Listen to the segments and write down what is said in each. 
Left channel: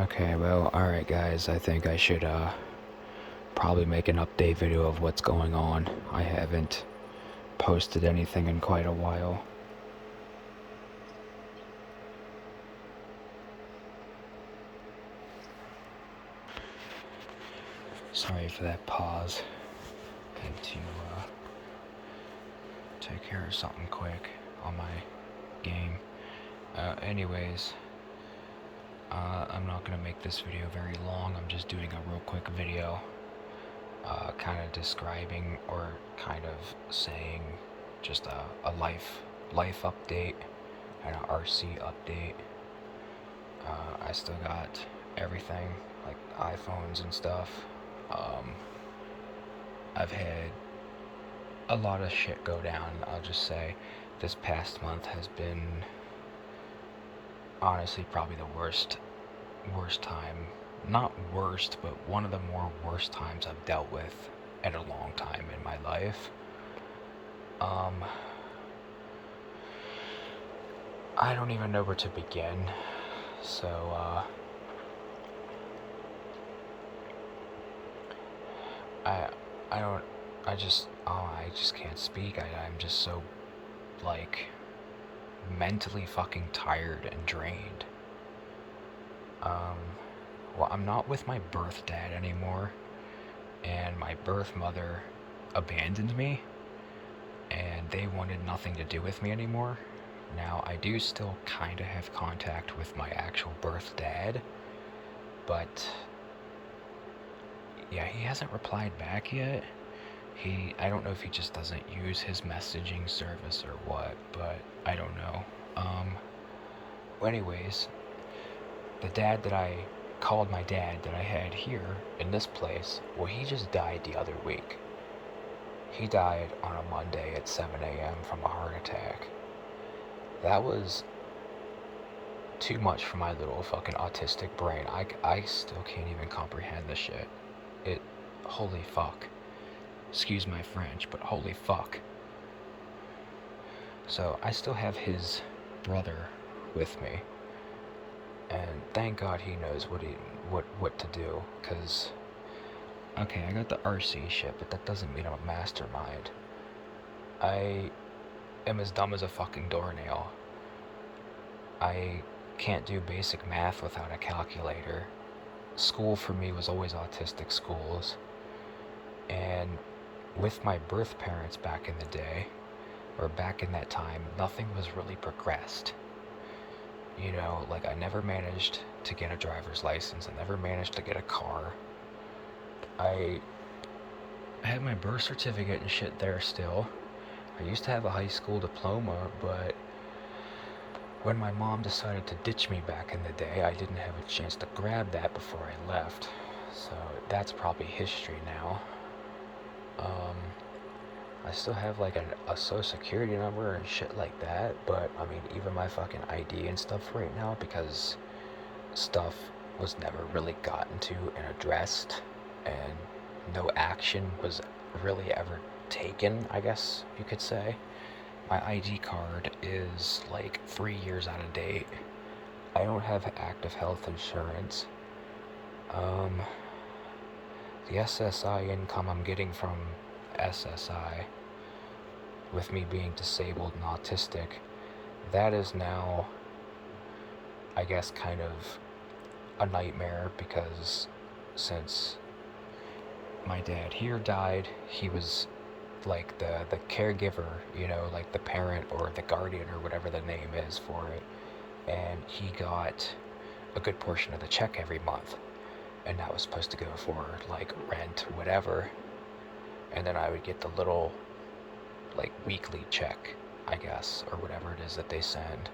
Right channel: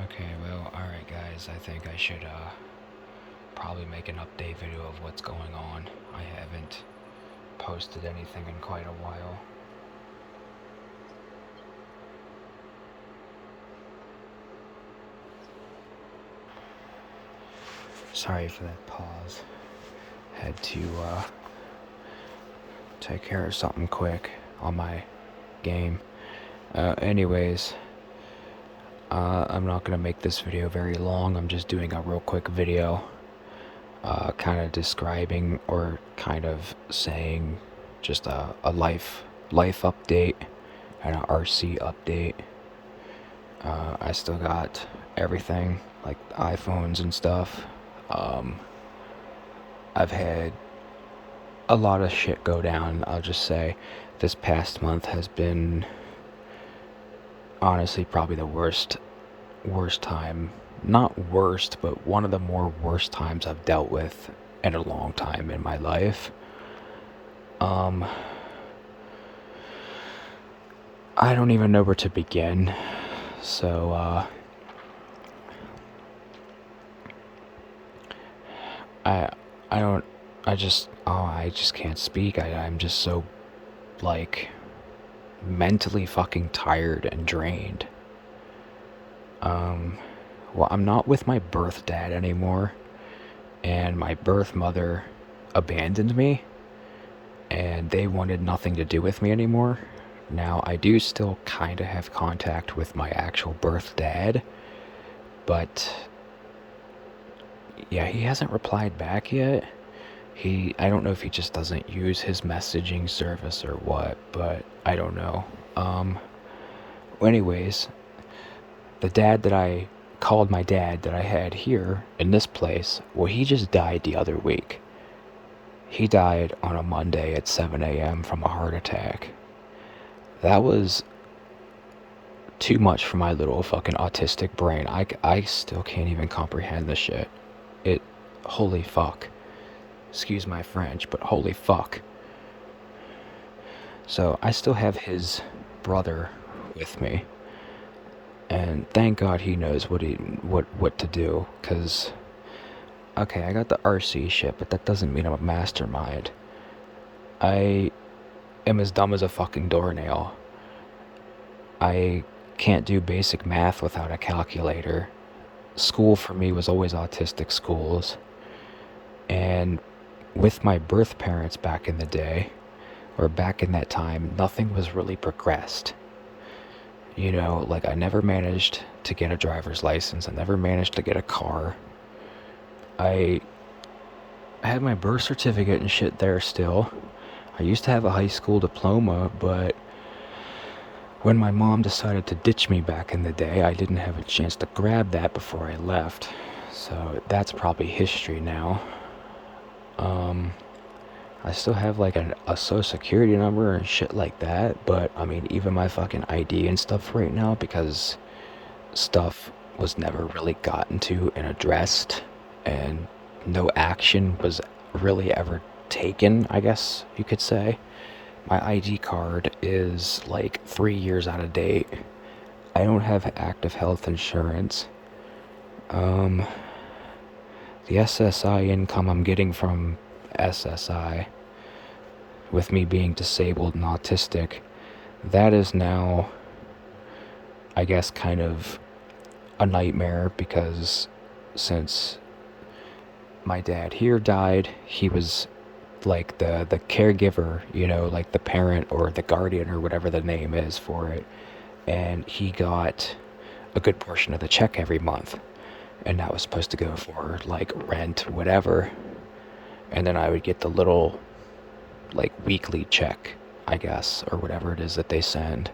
Okay, well, alright guys, I think I should probably make an update video of what's going on. I haven't posted anything in quite a while. Sorry for that pause. Had to take care of something quick on my game. Anyways, I'm not gonna make this video very long. I'm just doing a real quick video, kind of describing or kind of saying just a life update and an RC update. I still got everything, like iPhones and stuff. I've had a lot of shit go down. I'll just say this past month has been honestly probably the worst time. Not worst, but one of the more worst times I've dealt with in a long time in my life. I don't even know where to begin. So, I just can't speak. I'm just so, like, mentally fucking tired and drained. Well, I'm not with my birth dad anymore, and my birth mother abandoned me, and they wanted nothing to do with me anymore. Now, I do still kind of have contact with my actual birth dad, but yeah, he hasn't replied back yet. I don't know if he just doesn't use his messaging service or what, but I don't know. Anyways, the dad that I called my dad that I had here in this place, well, he just died the other week. He died on a Monday at 7 a.m. from a heart attack. That was too much for my little fucking autistic brain. I still can't even comprehend this shit. Holy fuck. Excuse my French, but holy fuck. So I still have his brother with me, and thank God he knows what to do. Cause okay, I got the RC shit, but that doesn't mean I'm a mastermind. I am as dumb as a fucking doornail. I can't do basic math without a calculator. School for me was always autistic schools, and with my birth parents back in the day, or back in that time, nothing was really progressed. You know, like I never managed to get a driver's license. I never managed to get a car. I had my birth certificate and shit there still. I used to have a high school diploma, but when my mom decided to ditch me back in the day, I didn't have a chance to grab that before I left. So that's probably history now. I still have like a social security number and shit like that, but I mean, even my fucking ID and stuff right now, because stuff was never really gotten to and addressed, and no action was really ever taken, I guess you could say. My ID card is like 3 years out of date. I don't have active health insurance. The SSI income I'm getting from SSI, with me being disabled and autistic, that is now, I guess, kind of a nightmare, because since my dad here died, he was like the caregiver, you know, like the parent or the guardian or whatever the name is for it, and he got a good portion of the check every month, and that was supposed to go for like rent, whatever, and then I would get the little like weekly check, I guess, or whatever it is that they send.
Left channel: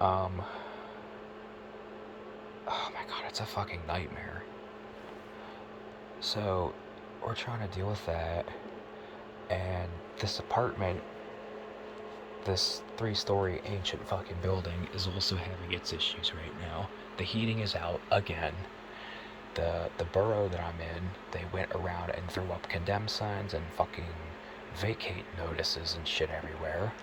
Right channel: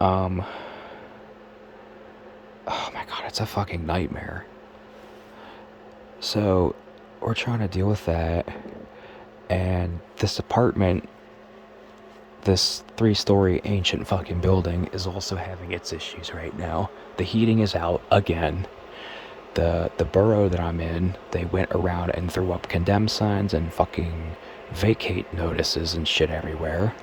Oh my god, it's a fucking nightmare. So we're trying to deal with that, and this apartment, this 3-story ancient fucking building, is also having its issues right now. The heating is out again. The borough that I'm in, they went around and threw up condemned signs and fucking vacate notices and shit everywhere.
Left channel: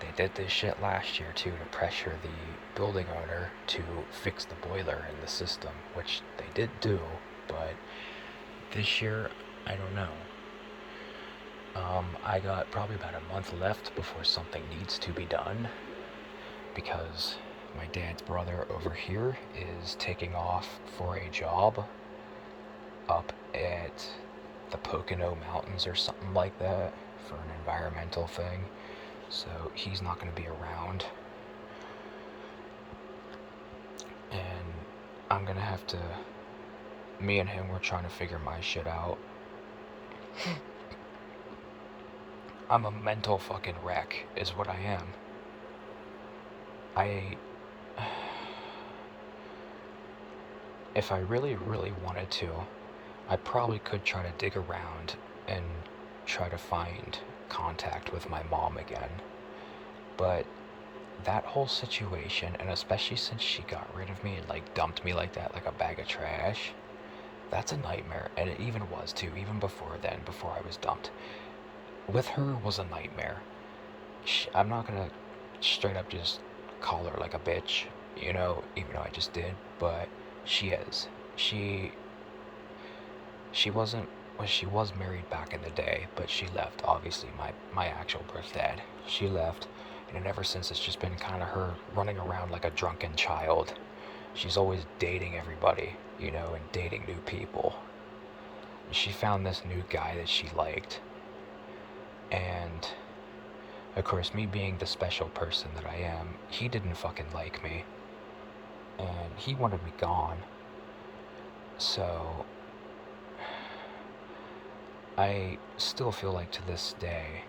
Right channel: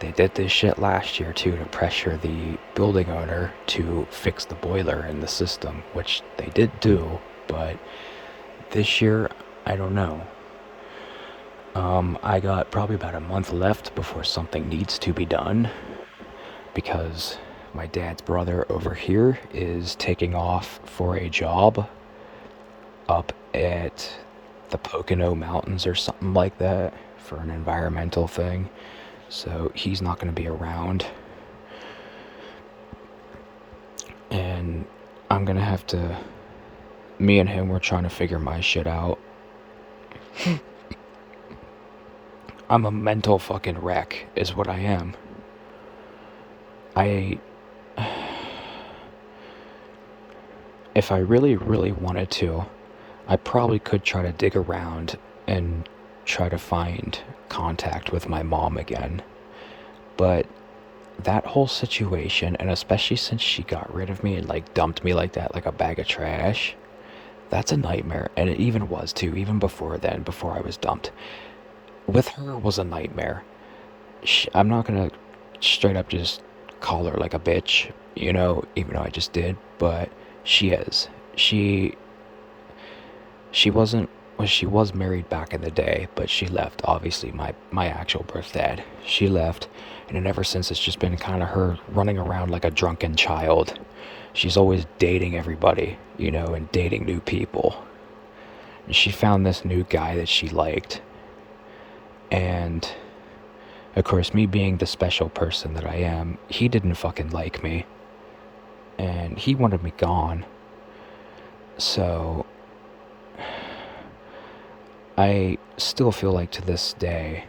They did this shit last year too to pressure the building owner to fix the boiler in the system, which they did do, but this year, I don't know. I got probably about a month left before something needs to be done, because my dad's brother over here is taking off for a job up at the Pocono Mountains or something like that for an environmental thing. So he's not going to be around. And I'm going to have to... Me and him, we're trying to figure my shit out. I'm a mental fucking wreck, is what I am. If I really, really wanted to, I probably could try to dig around and try to find contact with my mom again. But that whole situation, and especially since she got rid of me and like dumped me like that, like a bag of trash, that's a nightmare. And it even was too, even before then, before I was dumped. With her was a nightmare. I'm not gonna straight up just call her like a bitch, you know, even though I just did, but she is. She wasn't... Well, she was married back in the day, but she left. Obviously, my actual birth dad. She left, and ever since it's just been kind of her running around like a drunken child. She's always dating everybody, you know, and dating new people. And she found this new guy that she liked. And, of course, me being the special person that I am, he didn't fucking like me. And he wanted me gone. So I still feel like to this day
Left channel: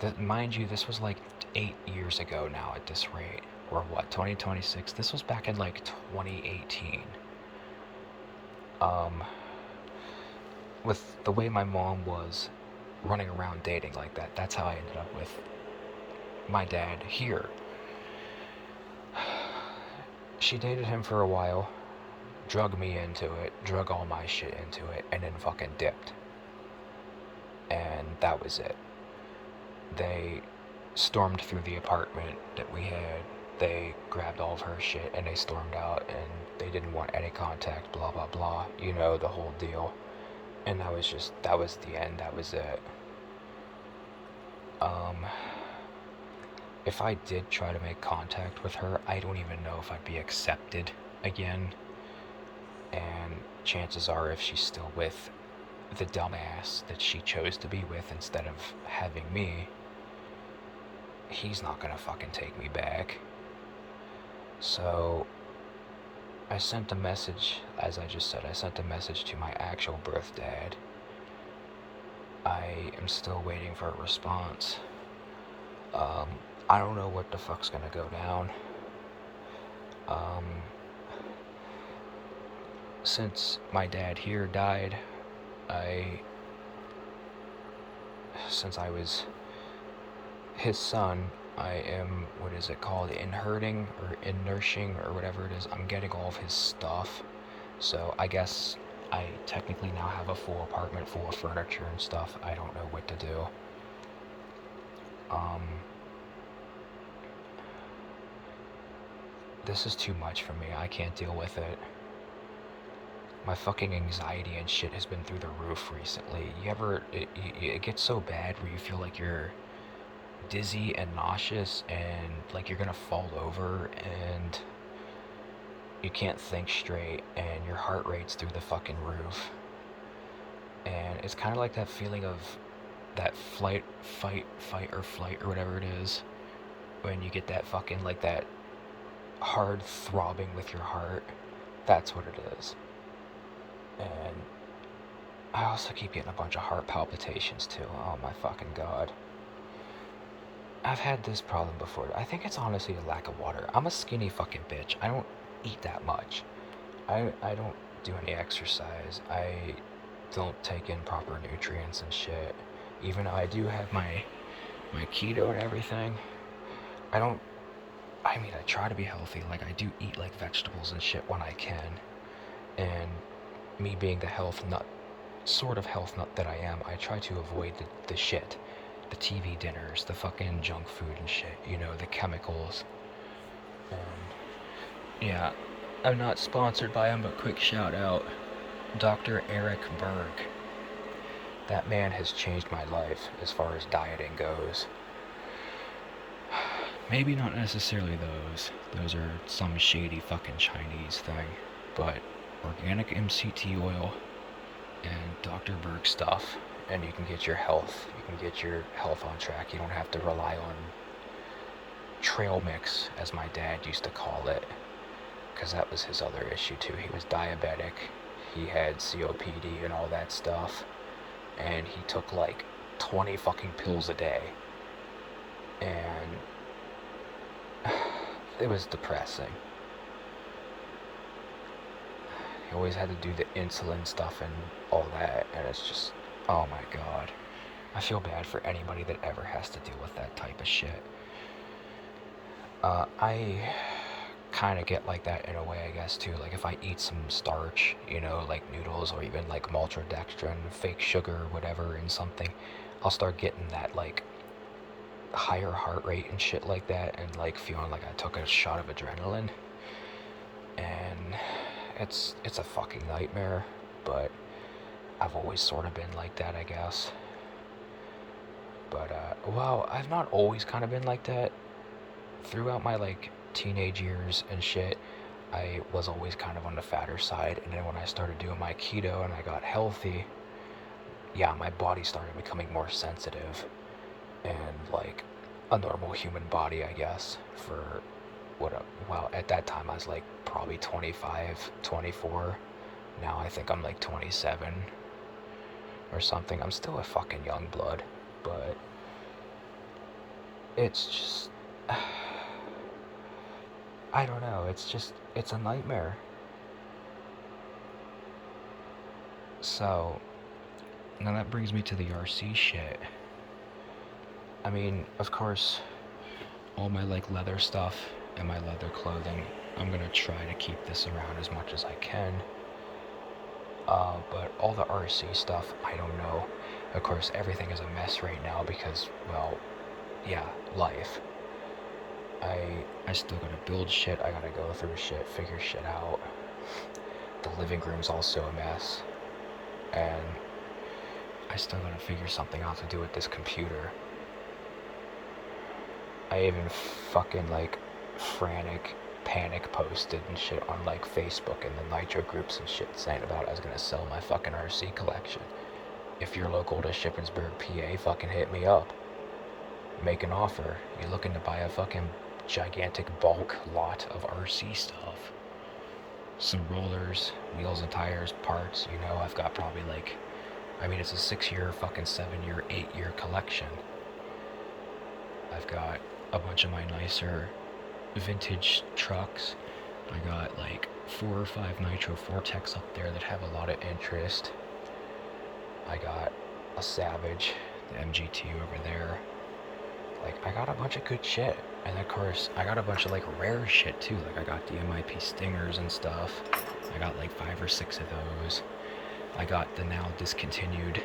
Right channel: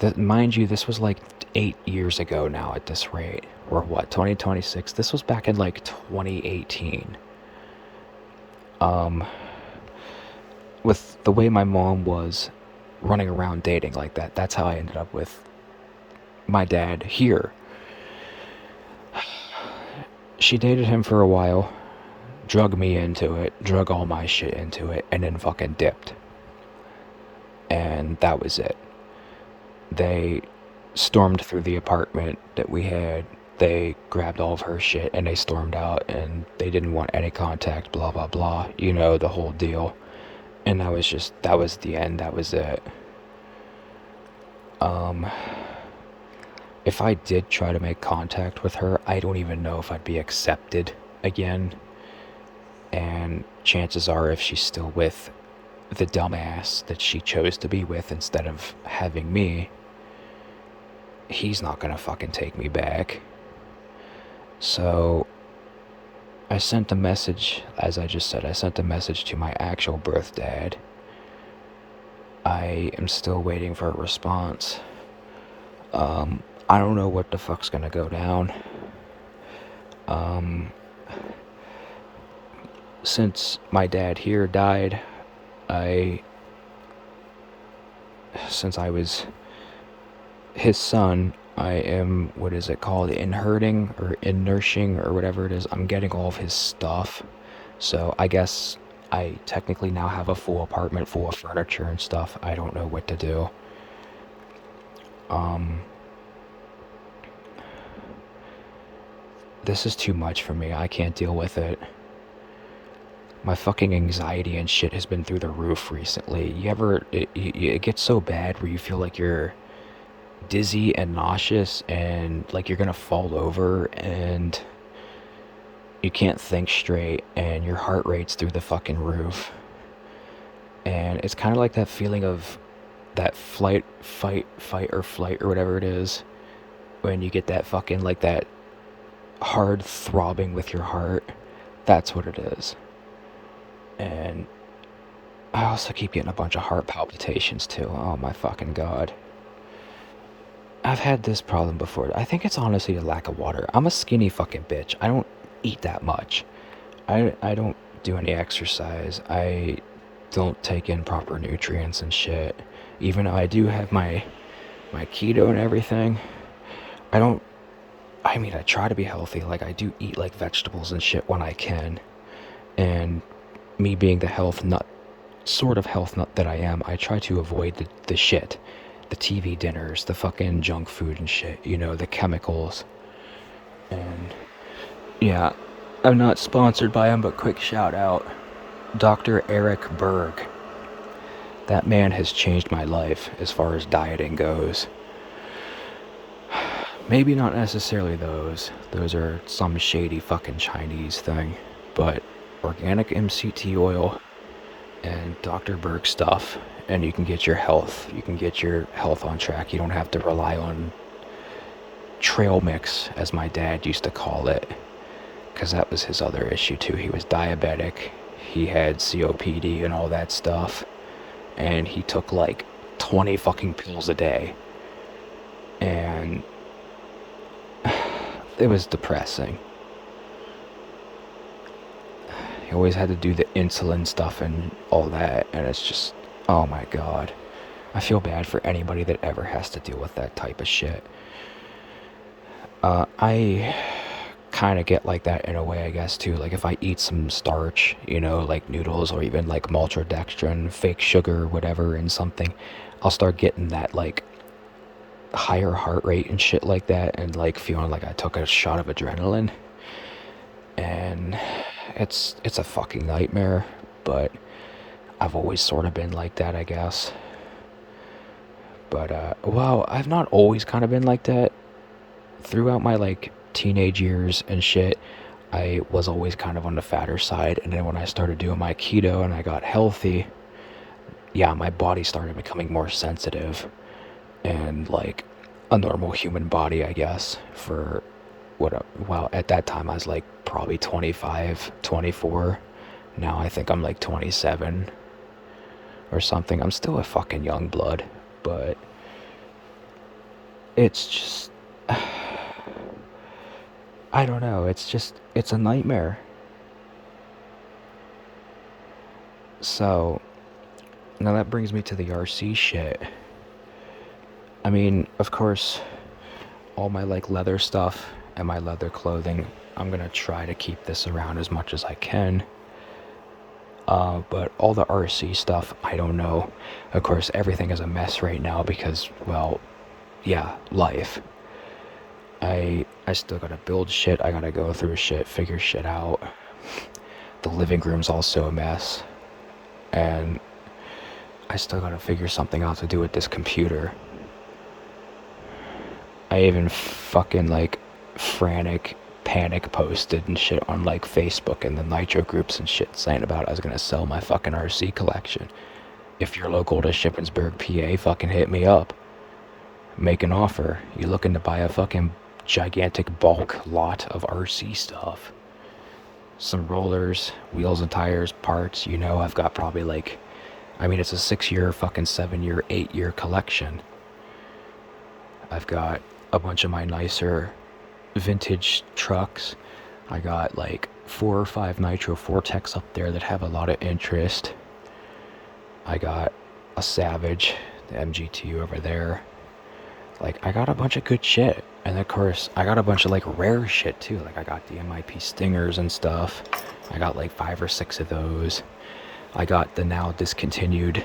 that, mind you, this was like 8 years ago now at this rate. Or what, 2026? This was back in like 2018. With the way my mom was running around dating like that, that's how I ended up with my dad here. She dated him for a while, drug me into it, drug all my shit into it, and then fucking dipped. And that was it. They stormed through the apartment that we had. They grabbed all of her shit and they stormed out, and they didn't want any contact, blah blah blah, you know, the whole deal. And that was the end, that was it. If I did try to make contact with her, I don't even know if I'd be accepted again. And chances are, if she's still with the dumbass that she chose to be with instead of having me, he's not gonna fucking take me back. So I sent a message, as I just said, I sent a message to my actual birth dad. I am still waiting for a response. I don't know what the fuck's gonna go down. Since my dad here died, since I was his son, I am, what is it called, inheriting or inursing or whatever it is. I'm getting all of his stuff. So I guess I technically now have a full apartment full of furniture and stuff. I don't know what to do. This is too much for me. I can't deal with it. My fucking anxiety and shit has been through the roof recently. It gets so bad where you feel like you're dizzy and nauseous and like you're gonna fall over and you can't think straight and your heart rate's through the fucking roof. And it's kind of like that feeling of that fight or flight or whatever it is, when you get that fucking, like, that hard throbbing with your heart. That's what it is. And I also keep getting a bunch of heart palpitations too. Oh my fucking god. I've had this problem before. I think it's honestly a lack of water. I'm a skinny fucking bitch. I don't eat that much. I don't do any exercise. I don't take in proper nutrients and shit. Even though I do have my keto and everything, I try to be healthy. Like, I do eat, like, vegetables and shit when I can. And me being the sort of health nut that I am, I try to avoid the shit. the TV dinners, the fucking junk food and shit, you know, the chemicals. And yeah, I'm not sponsored by him, but quick shout out, Dr. Eric Berg. That man has changed my life as far as dieting goes. Maybe not necessarily those. Those are some shady fucking Chinese thing. But organic MCT oil and Dr. Berg stuff, and you can get your health. You can get your health on track. You don't have to rely on trail mix, as my dad used to call it. Because that was his other issue too. He was diabetic. He had COPD and all that stuff. And he took like 20 fucking pills a day. And it was depressing. He always had to do the insulin stuff and all that, and it's just, oh my god. I feel bad for anybody that ever has to deal with that type of shit. I kind of get like that in a way, I guess, too. Like, if I eat some starch, you know, like noodles or even like maltodextrin, fake sugar, whatever, in something, I'll start getting that, like, higher heart rate and shit like that, and like feeling like I took a shot of adrenaline. And it's a fucking nightmare, but I've always sort of been like that, I guess. But well, I've not always kind of been like that. Throughout my like teenage years and shit, I was always kind of on the fatter side, and then when I started doing my keto and I got healthy, yeah, my body started becoming more sensitive and like a normal human body, I guess, for well, at that time I was like probably 25, 24. Now I think I'm like 27 or something. I'm still a fucking young blood, but it's just, I don't know, it's a nightmare. So, now that brings me to the RC shit. I mean, of course, all my like leather stuff and my leather clothing, I'm gonna try to keep this around as much as I can. But all the RC stuff, I don't know. Of course, everything is a mess right now because, well, yeah, life. I still gotta build shit, I gotta go through shit, figure shit out. The living room's also a mess. And I still gotta figure something out to do with this computer. I even fucking like frantic panic posted and shit on like Facebook and the Nitro groups and shit saying about I was gonna sell my fucking RC collection. If you're local to Shippensburg, PA, fucking hit me up. Make an offer. You looking to buy a fucking gigantic bulk lot of RC stuff? Some rollers, wheels and tires, parts, you know, I've got probably like, I mean, it's a 6-year, fucking 7-year, 8-year collection. I've got a bunch of my nicer vintage trucks. I got like 4 or 5 Nitro Vortex up there that have a lot of interest. I got a Savage, the MGT over there. Like, I got a bunch of good shit. And of course, I got a bunch of like rare shit too. Like, I got the MIP Stingers and stuff. I got like 5 or 6 of those. I got the now discontinued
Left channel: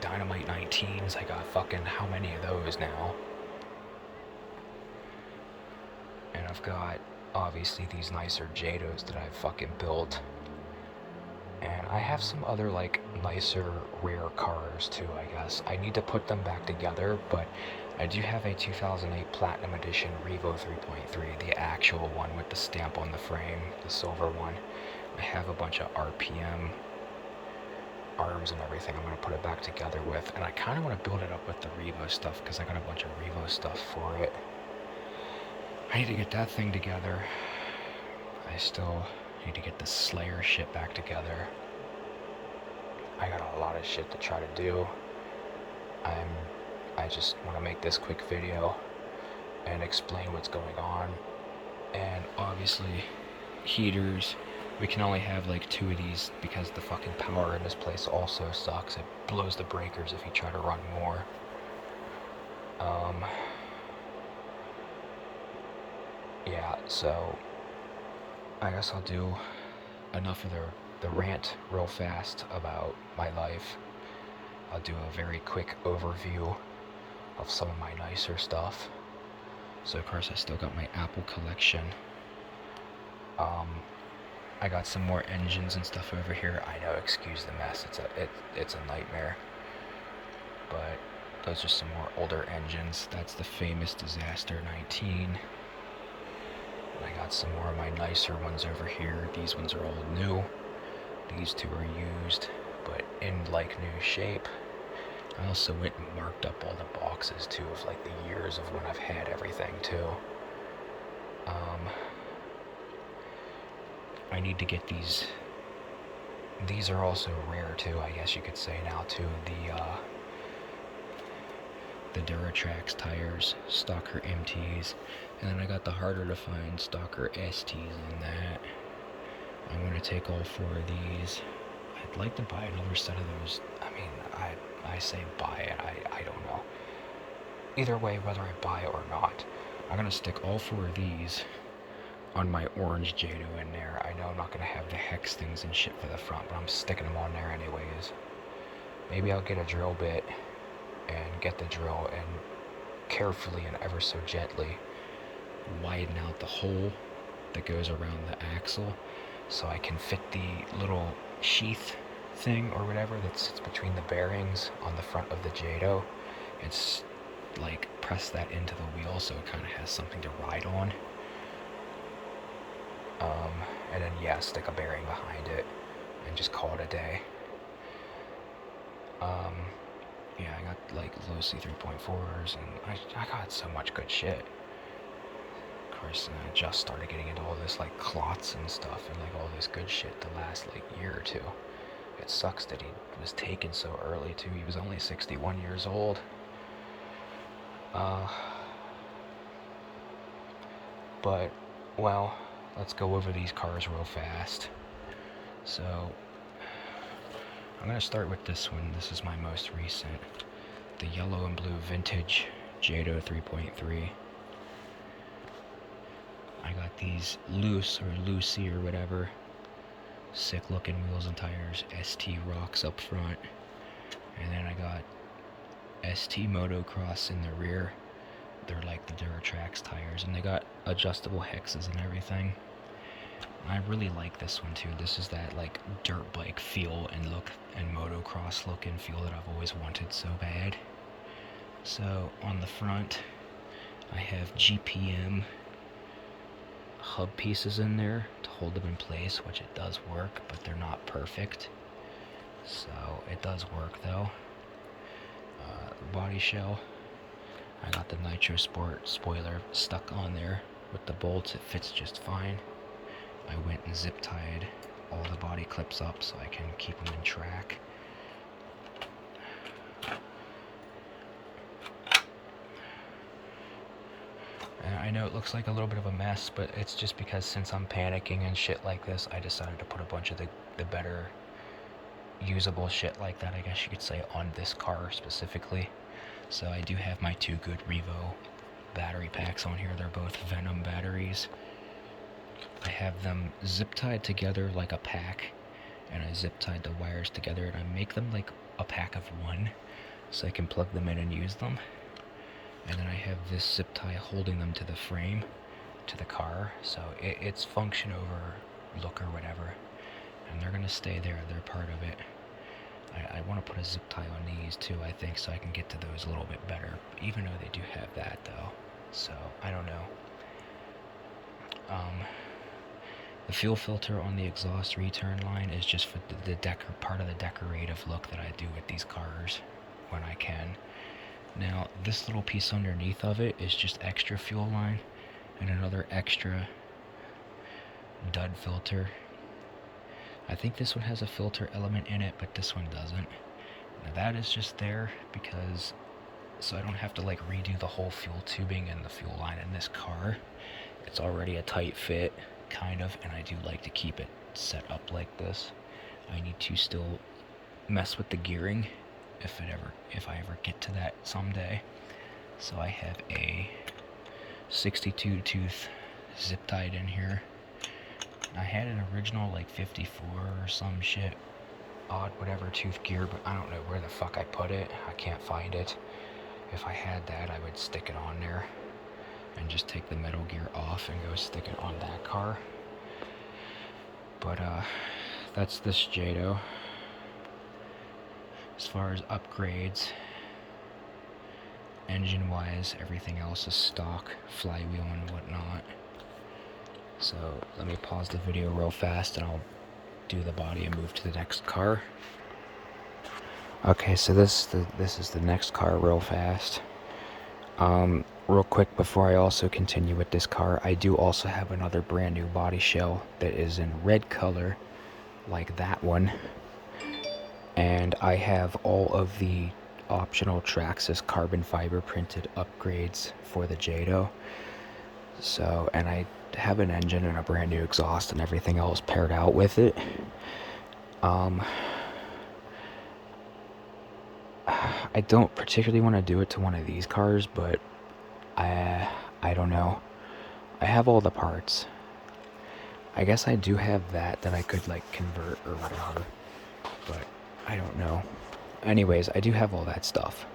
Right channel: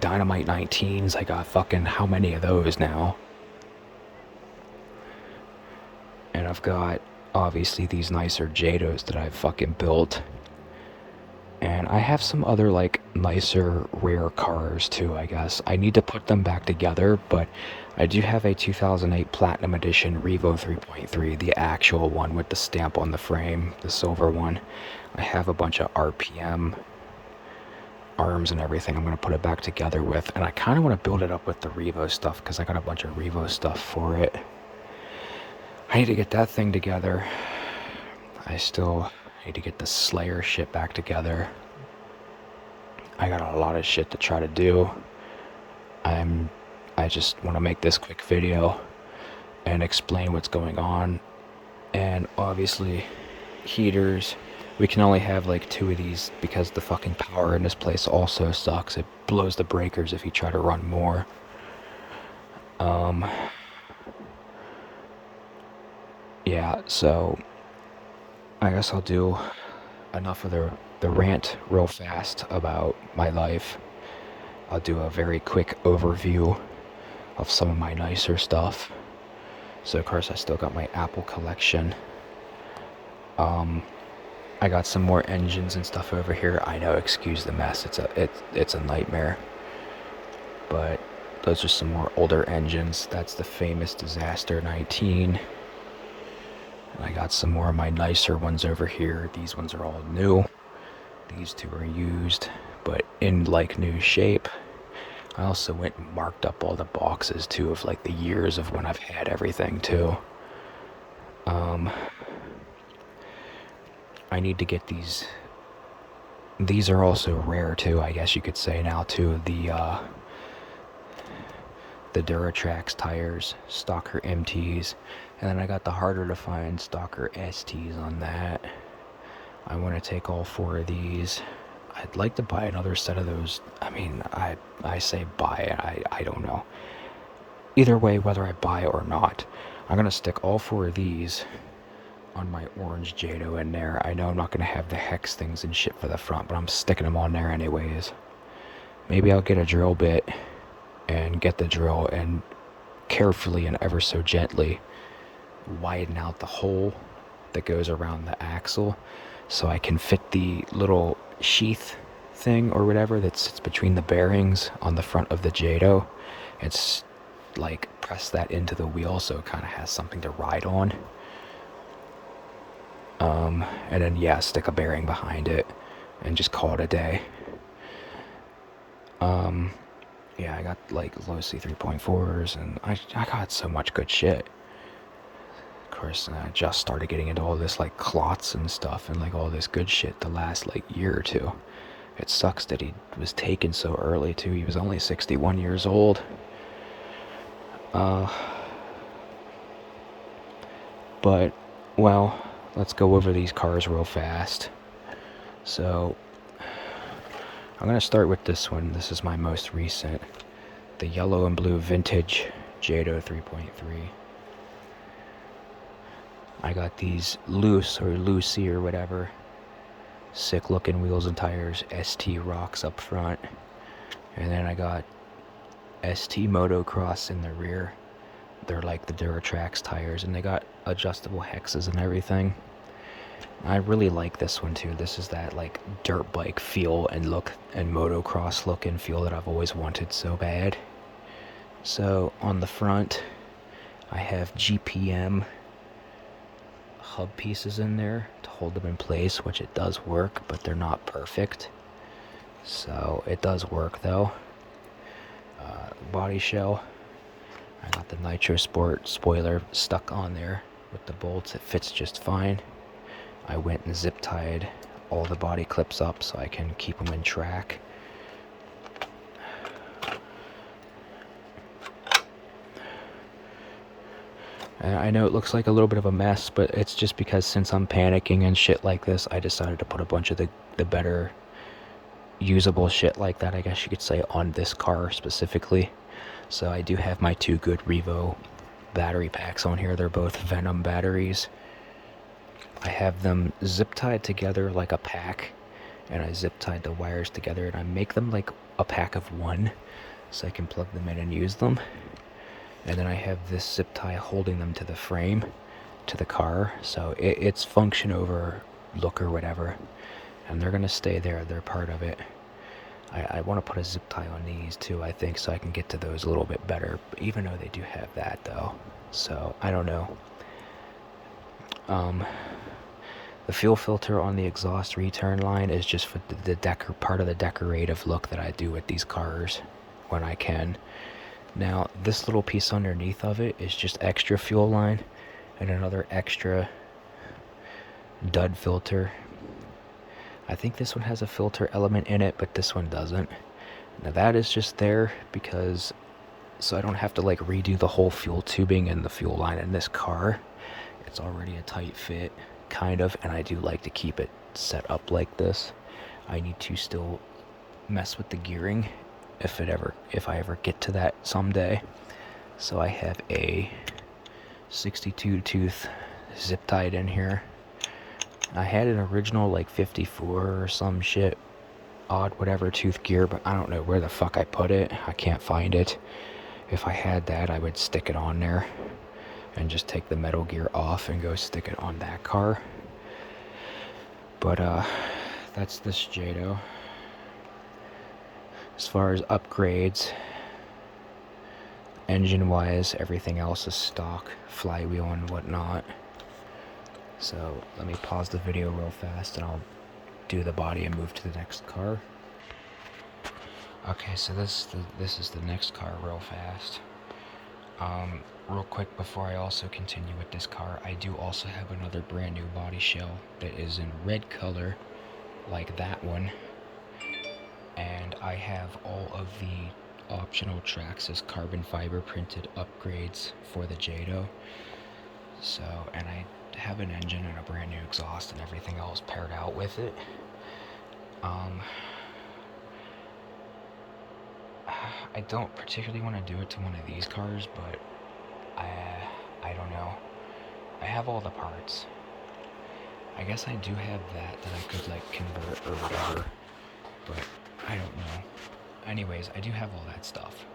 Dynamite 19s. I got fucking how many of those now? And I've got obviously these nicer Jados that I've fucking built. And I have some other like nicer rare cars too, I guess. I need to put them back together, but I do have a 2008 Platinum Edition Revo 3.3, the actual one with the stamp on the frame, the silver one. I have a bunch of RPM arms and everything I'm going to put it back together with, and I kind of want to build it up with the Revo stuff because I got a bunch of Revo stuff for it. I need to get that thing together. I still need to get the Slayer shit back together. I got a lot of shit to try to do. I just want to make this quick video and explain what's going on. And obviously, heaters. We can only have like 2 of these because the fucking power in this place also sucks. It blows the breakers if you try to run more. Yeah, so I guess I'll do enough of the rant real fast about my life. I'll do a very quick overview of some of my nicer stuff. So of course I still got my Apple collection. I got some more engines and stuff over here. I know, excuse the mess. It's a nightmare. But those are some more older engines. That's the famous Disaster 19. I got some more of my nicer ones over here. These ones are all new. These two are used, but in like new shape. I also went and marked up all the boxes too of like the years of when I've had everything too. I need to get these. These are also rare too, I guess you could say now too. The Duratrax tires, Stalker MTs, and then I got the harder to find Stalker STs on that. I want to take all 4 of these. I'd like to buy another set of those. I mean, I say buy, I don't know. Either way, whether I buy or not, I'm going to stick all 4 of these on my orange Jado in there. I know I'm not going to have the hex things and shit for the front, but I'm sticking them on there anyways. Maybe I'll get a drill bit and get the drill and carefully and ever so gently widen out the hole that goes around the axle so I can fit the little sheath thing or whatever that sits between the bearings on the front of the Jado. It's like press that into the wheel so it kind of has something to ride on. And then yeah, stick a bearing behind it and just call it a day. Yeah, I got like low C3.4s and I got so much good shit. Of course, I just started getting into all this like clots and stuff and like all this good shit the last like year or two. It sucks that he was taken so early too. He was only 61 years old. But, well, let's go over these cars real fast. So, I'm going to start with this one. This is my most recent. The yellow and blue vintage Jado 3.3. I got these loose or Lucy or whatever. Sick looking wheels and tires. ST rocks up front. And then I got ST Motocross in the rear. They're like the Duratrax tires, and they got adjustable hexes and everything. I really like this one too. This is that like dirt bike feel and look and motocross look and feel that I've always wanted so bad. So on the front, I have GPM hub pieces in there to hold them in place, which it does work, but they're not perfect. So it does work though. Body shell. I got the Nitro Sport spoiler stuck on there with the bolts. It fits just fine. I went and zip tied all the body clips up so I can keep them in track. And I know it looks like a little bit of a mess, but it's just because since I'm panicking and shit like this, I decided to put a bunch of the better usable shit like that, I guess you could say, on this car specifically. So I do have my 2 good Revo battery packs on here. They're both Venom batteries. I have them zip tied together like a pack, and I zip tied the wires together, and I make them like a pack of 1 so I can plug them in and use them. And then I have this zip tie holding them to the frame, to the car, so it's function over look or whatever, and they're gonna stay there. They're part of it. I want to put a zip tie on these too, I think, so I can get to those a little bit better, even though they do have that though. So I don't know. The fuel filter on the exhaust return line is just for the part of the decorative look that I do with these cars when I can. Now this little piece underneath of it is just extra fuel line and another extra dud filter. I think this one has a filter element in it, but this one doesn't. Now that is just there because so I don't have to like redo the whole fuel tubing and the fuel line in this car. It's already a tight fit, kind of, and I do like to keep it set up like this. I need to still mess with the gearing if I ever get to that someday. So I have a 62 tooth zip tied in here. I had an original like 54 or some shit odd whatever tooth gear, but I don't know where the fuck I put it. I can't find it. If I had that, I would stick it on there and just take the metal gear off and go stick it on that car. But that's this Jado. As far as upgrades, engine wise, everything else is stock, flywheel and whatnot. So let me pause the video real fast and I'll do the body and move to the next car. Okay, so this is the next car real fast. Real quick before I also continue with this car, I do also have another brand new body shell that is in red color, like that one. And I have all of the optional Traxxas carbon fiber printed upgrades for the Jado. So, and I have an engine and a brand new exhaust and everything else paired out with it. I don't particularly want to do it to one of these cars, but I don't know. I have all the parts. I guess I do have that I could like convert or whatever, but I don't know. Anyways, I do have all that stuff.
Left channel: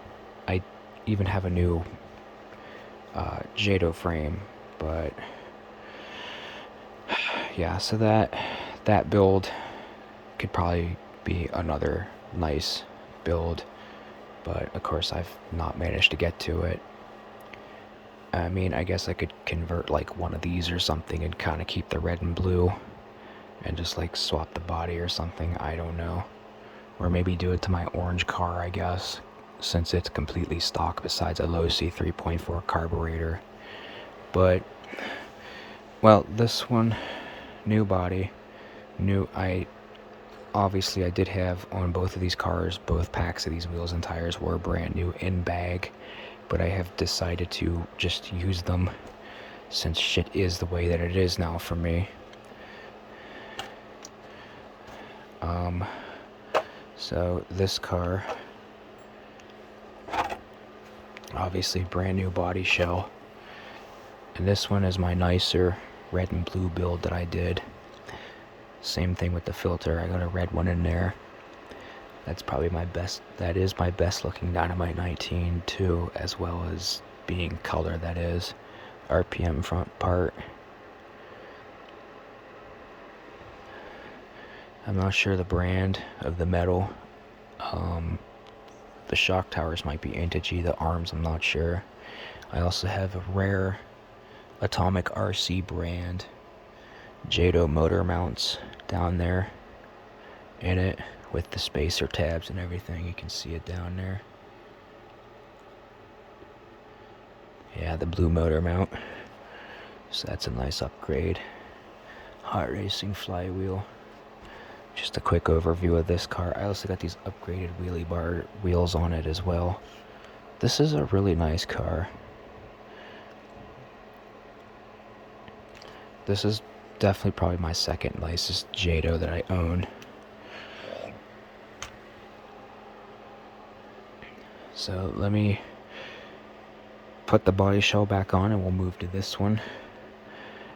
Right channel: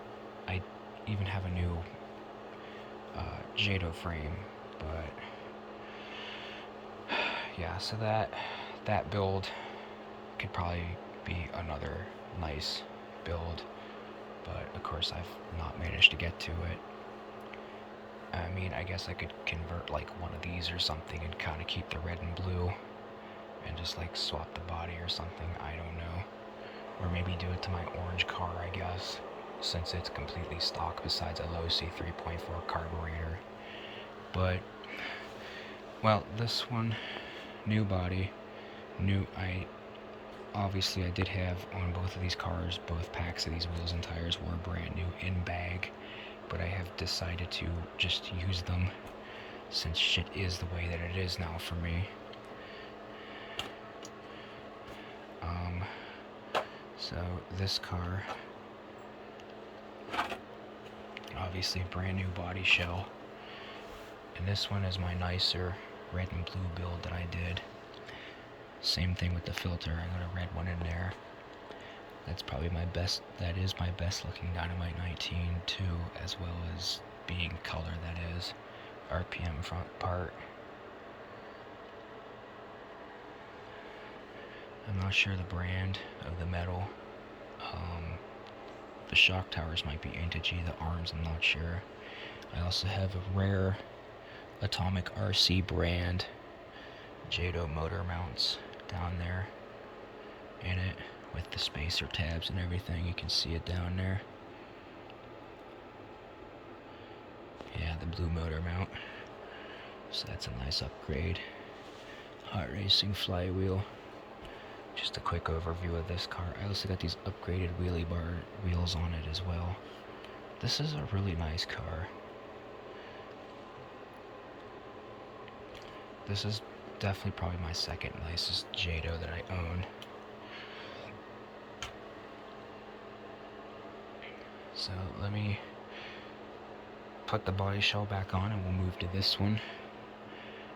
I even have a new Jado frame, but yeah, so that build could probably be another nice build, but of course I've not managed to get to it. I mean, I guess I could convert like one of these or something and kind of keep the red and blue and just like swap the body or something, I don't know. Or maybe do it to my orange car, I guess, since it's completely stock besides a Losi 3.4 carburetor. But, well, this one, new body, obviously I did have on both of these cars, both packs of these wheels and tires were brand new in bag, but I have decided to just use them since shit is the way that it is now for me. So this car, obviously brand new body shell, and this one is my nicer red and blue build that I did. Same thing with the filter, I got a red one in there. That's probably my best, that is my best looking Dynamite 19 too, as well as being color, that is. RPM front part. I'm not sure the brand of the metal. The shock towers might be Integy, the arms I'm not sure. I also have a rare Atomic RC brand Jado motor mounts down there in it with the spacer tabs and everything. You can see it down there. Yeah, the blue motor mount. So that's a nice upgrade. Hot racing flywheel. Just a quick overview of this car. I also got these upgraded wheelie bar wheels on it as well. This is a really nice car. This is definitely probably my second nicest Jado that I own. So let me put the body shell back on and we'll move to this one.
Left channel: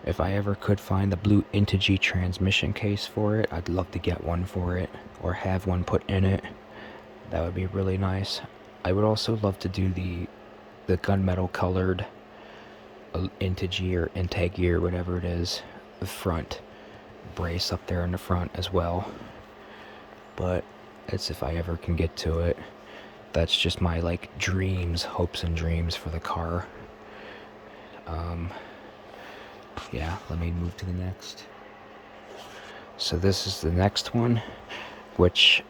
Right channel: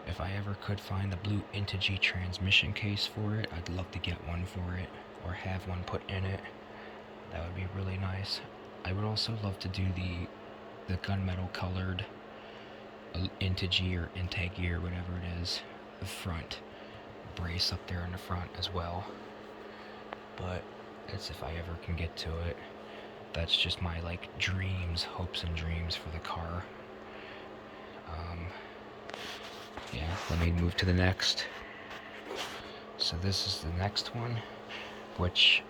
If I ever could find the blue Integy transmission case for it, I'd love to get one for it, or have one put in it. That would be really nice. I would also love to do the gunmetal colored Integy or Integy or whatever it is, the front brace up there in the front as well. But it's if I ever can get to it. That's just my like dreams, hopes and dreams for the car. Yeah, let me move to the next. So this is the next one, which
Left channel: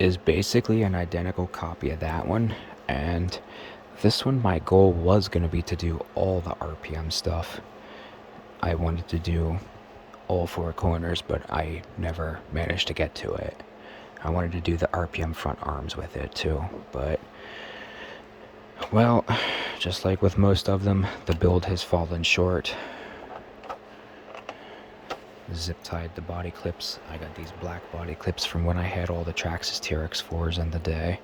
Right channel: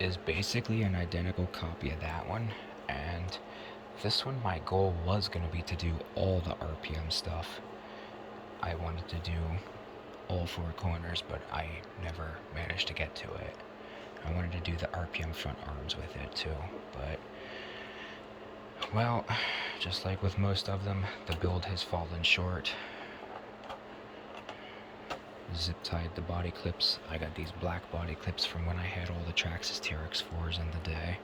is basically an identical copy of that one. And this one, my goal was going to be to do all the RPM stuff. I wanted to do all four corners, but I never managed to get to it. I wanted to do the RPM front arms with it too, but well, just like with most of them, the build has fallen short. Zip tied the body clips. I got these black body clips from when I had all the Traxxas TRX4s in the day.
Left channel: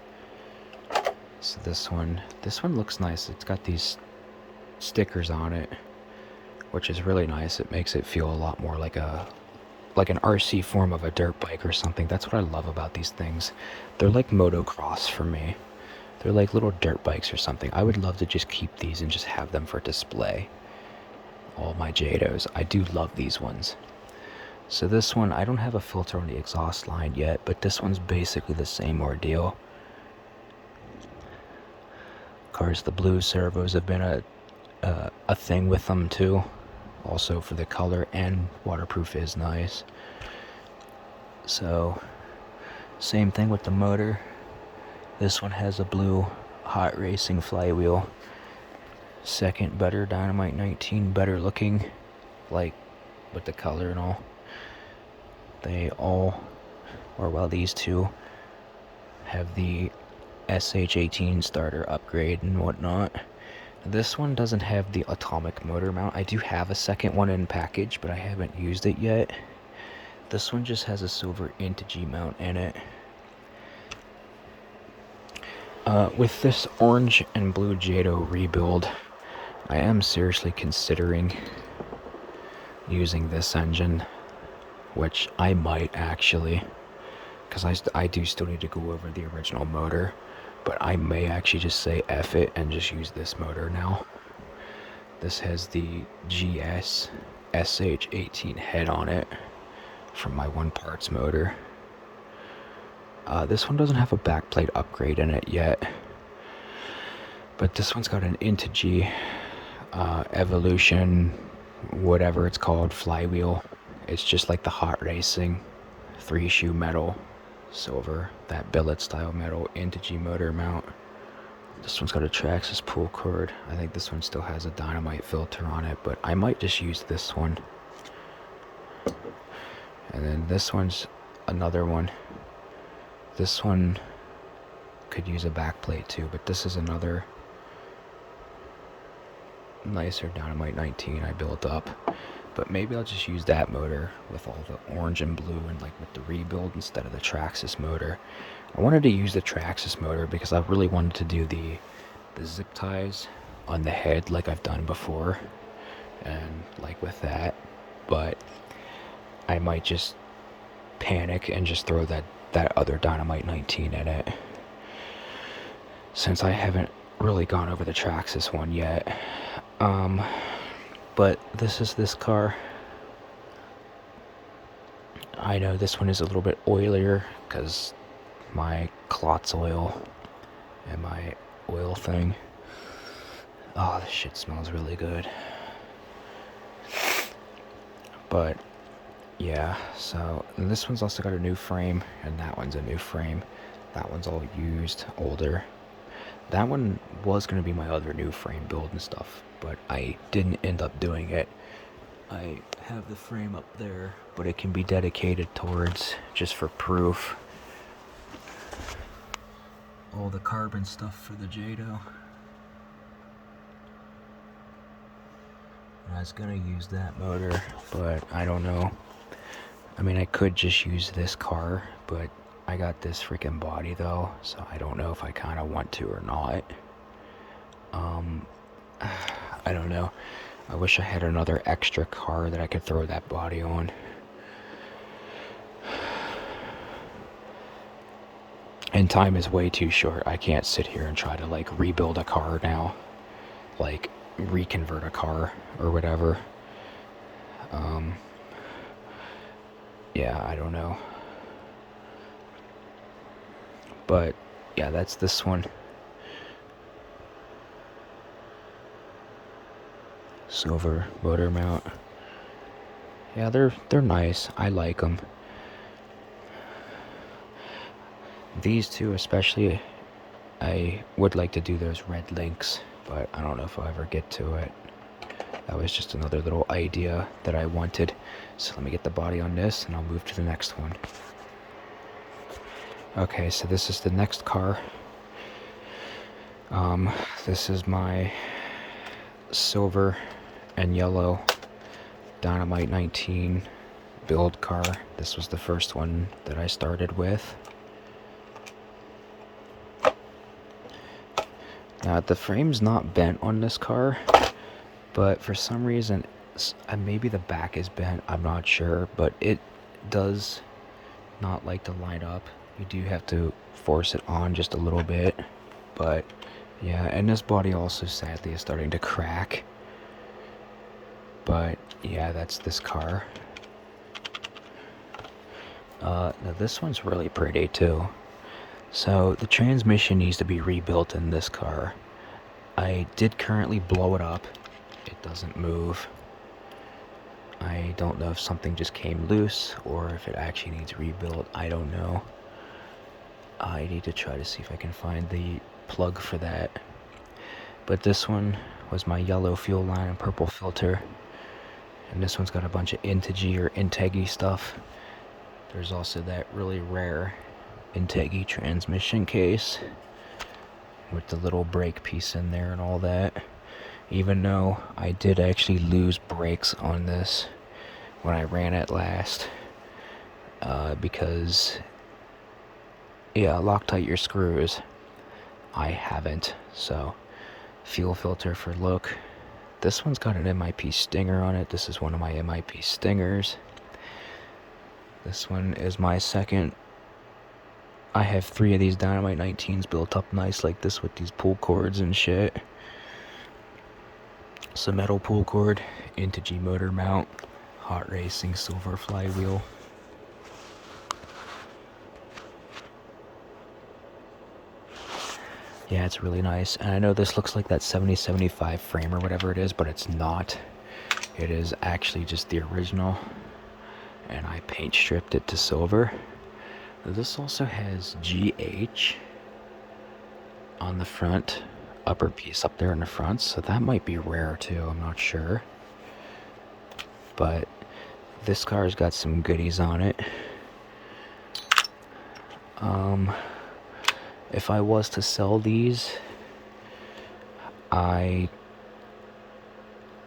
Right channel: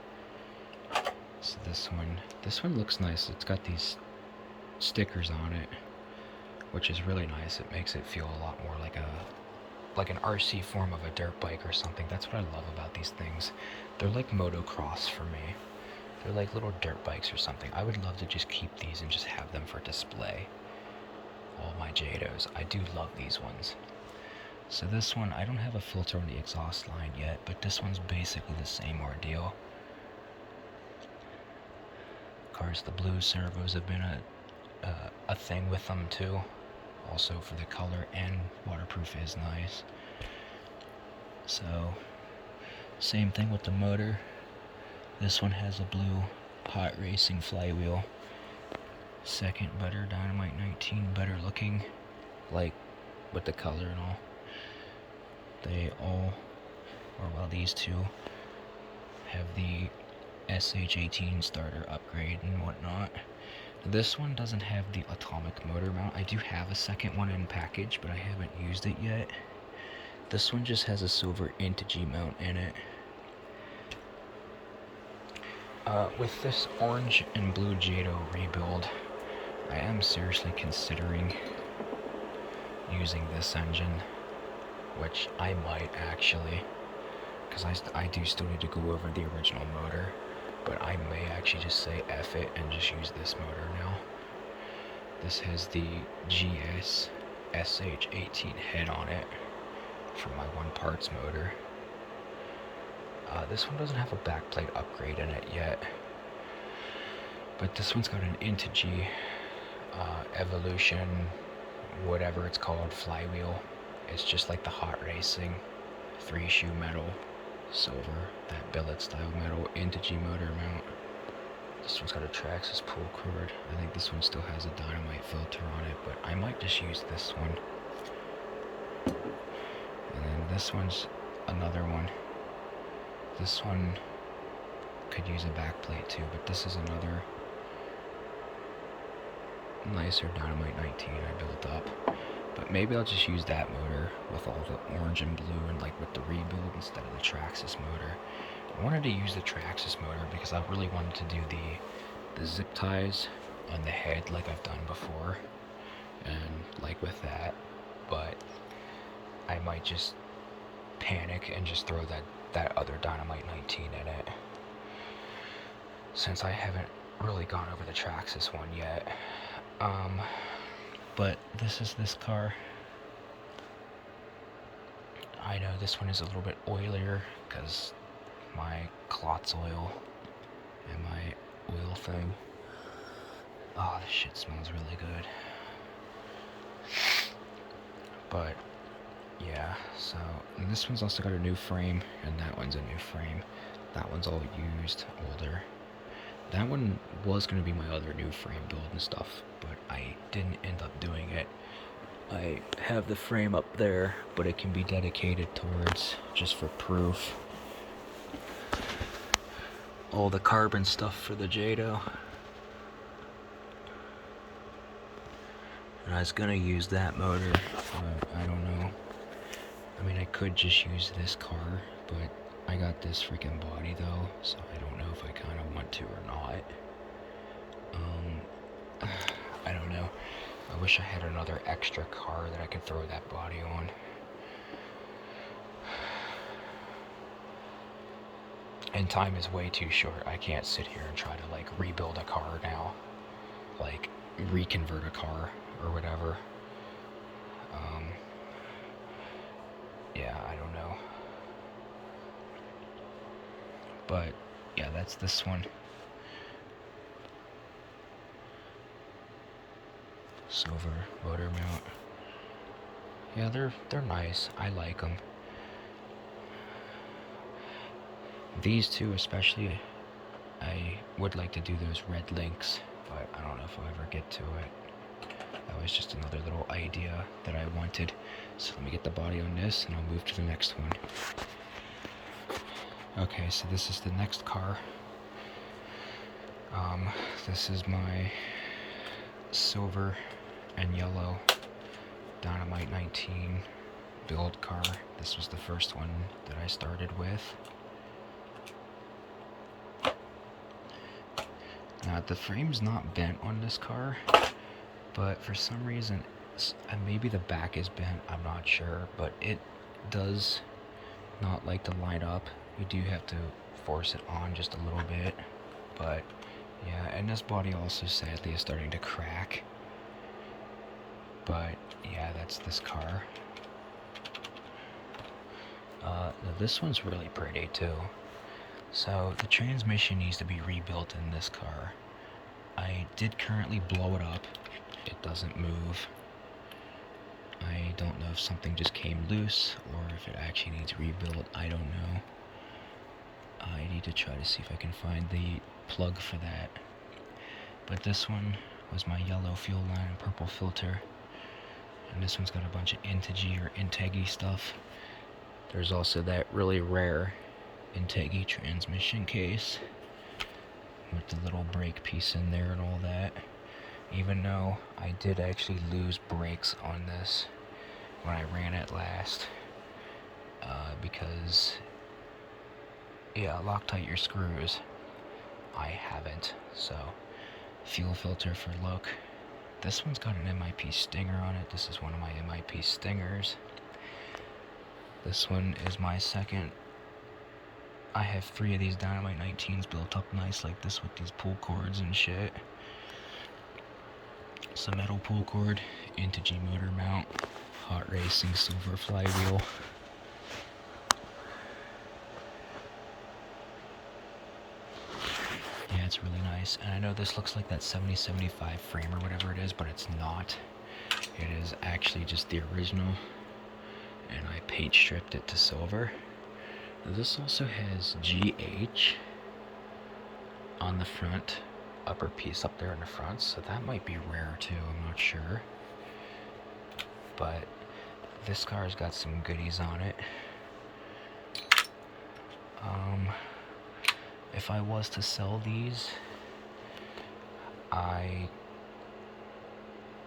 So this one looks nice. It's got these stickers on it, which is really nice. It makes it feel a lot more like a like an RC form of a dirt bike or something. That's what I love about these things. They're like motocross for me. They're like little dirt bikes or something. I would love to just keep these and just have them for display. All my Jados. I do love these ones. So this one, I don't have a filter on the exhaust line yet, but this one's basically the same ordeal. Of course, the blue servos have been a thing with them too. Also for the color, and waterproof is nice. So, same thing with the motor. This one has a blue hot racing flywheel. Second better, Dynamite 19 better looking, like with the color and all. They all, or well, these two have the SH18 starter upgrade and whatnot. This one doesn't have the atomic motor mount. I do have a second one in package, but I haven't used it yet. This one just has a silver Integy mount in it. With this orange and blue Jado rebuild, I am seriously considering using this engine, which I might actually, because I do still need to go over the original motor, but I may actually just say F it and just use this motor now. This has the GS SH18 head on it from my One Parts motor. This one doesn't have a backplate upgrade in it yet, but this one's got an Integy Evolution, whatever it's called, flywheel. It's just like the hot racing 3-shoe metal, silver, that billet style metal Integy motor mount. This one's got a Traxxas pull cord. I think this one still has a Dynamite filter on it, but I might just use this one. And then this one's another one. This one could use a backplate too, but this is another nicer Dynamite 19 I built up. But maybe I'll just use that motor with all the orange and blue and like with the rebuild instead of the Traxxas motor. I wanted to use the Traxxas motor because I really wanted to do the zip ties on the head like I've done before, and like with that, but I might just panic and just throw that other Dynamite 19 in it, since I haven't really gone over the Traxxas one yet. But this is this car. I know this one is a little bit oilier because my Klotz oil and my oil thing. Oh, this shit smells really good. But yeah, so, and this one's also got a new frame, and that one's a new frame. That one's all used, older. That one was going to be my other new frame build and stuff, but I didn't end up doing it. I have the frame up there, but it can be dedicated towards, just for proof, all the carbon stuff for the Jado. And I was going to use that motor, but I don't know. I mean, I could just use this car, but I got this freaking body though, so I don't know if I kind of want to or not. I don't know. I wish I had another extra car that I could throw that body on. And time is way too short. I can't sit here and try to like rebuild a car now, like reconvert a car or whatever. Yeah, I don't know. But yeah, that's this one. Silver motor mount. Yeah, they're nice. I like them. These two especially, I would like to do those red links, but I don't know if I'll ever get to it. That was just another little idea that I wanted. So let me get the body on this and I'll move to the next one. Okay, so this is the next car. This is my silver and yellow Dynamite 19 build car. This was the first one that I started with. Now, the frame's not bent on this car, but for some reason, maybe the back is bent, I'm not sure, but does not like to line up. You do have to force it on just a little bit. But yeah, and this body also sadly is starting to crack. But yeah, that's this car. Now this one's really pretty too. So the transmission needs to be rebuilt in this car. I did currently blow it up. It doesn't move. I don't know if something just came loose or if it actually needs rebuilt. I don't know. I need to try to see if I can find the plug for that. But this one was my yellow fuel line and purple filter. And this one's got a bunch of Integy or Integi stuff. There's also that really rare Integi transmission case with the little brake piece in there and all that. Even though I did actually lose brakes on this when I ran it last. Because, yeah, Loctite your screws. I haven't. So, fuel filter for look. This one's got an MIP Stinger on it. This is one of my MIP Stingers. This one is my second. I have 3 of these Dynamite 19s built up nice like this with these pull cords and shit. It's a metal pull cord, Integy motor mount, Hot Racing silver flywheel. Yeah, it's really nice. And I know this looks like that 7075 frame or whatever it is, but it's not. It is actually just the original. And I paint stripped it to silver. This also has GH on the front, upper piece up there in the front, so that might be rare too, I'm not sure. But this car's got some goodies on it. If I was to sell these,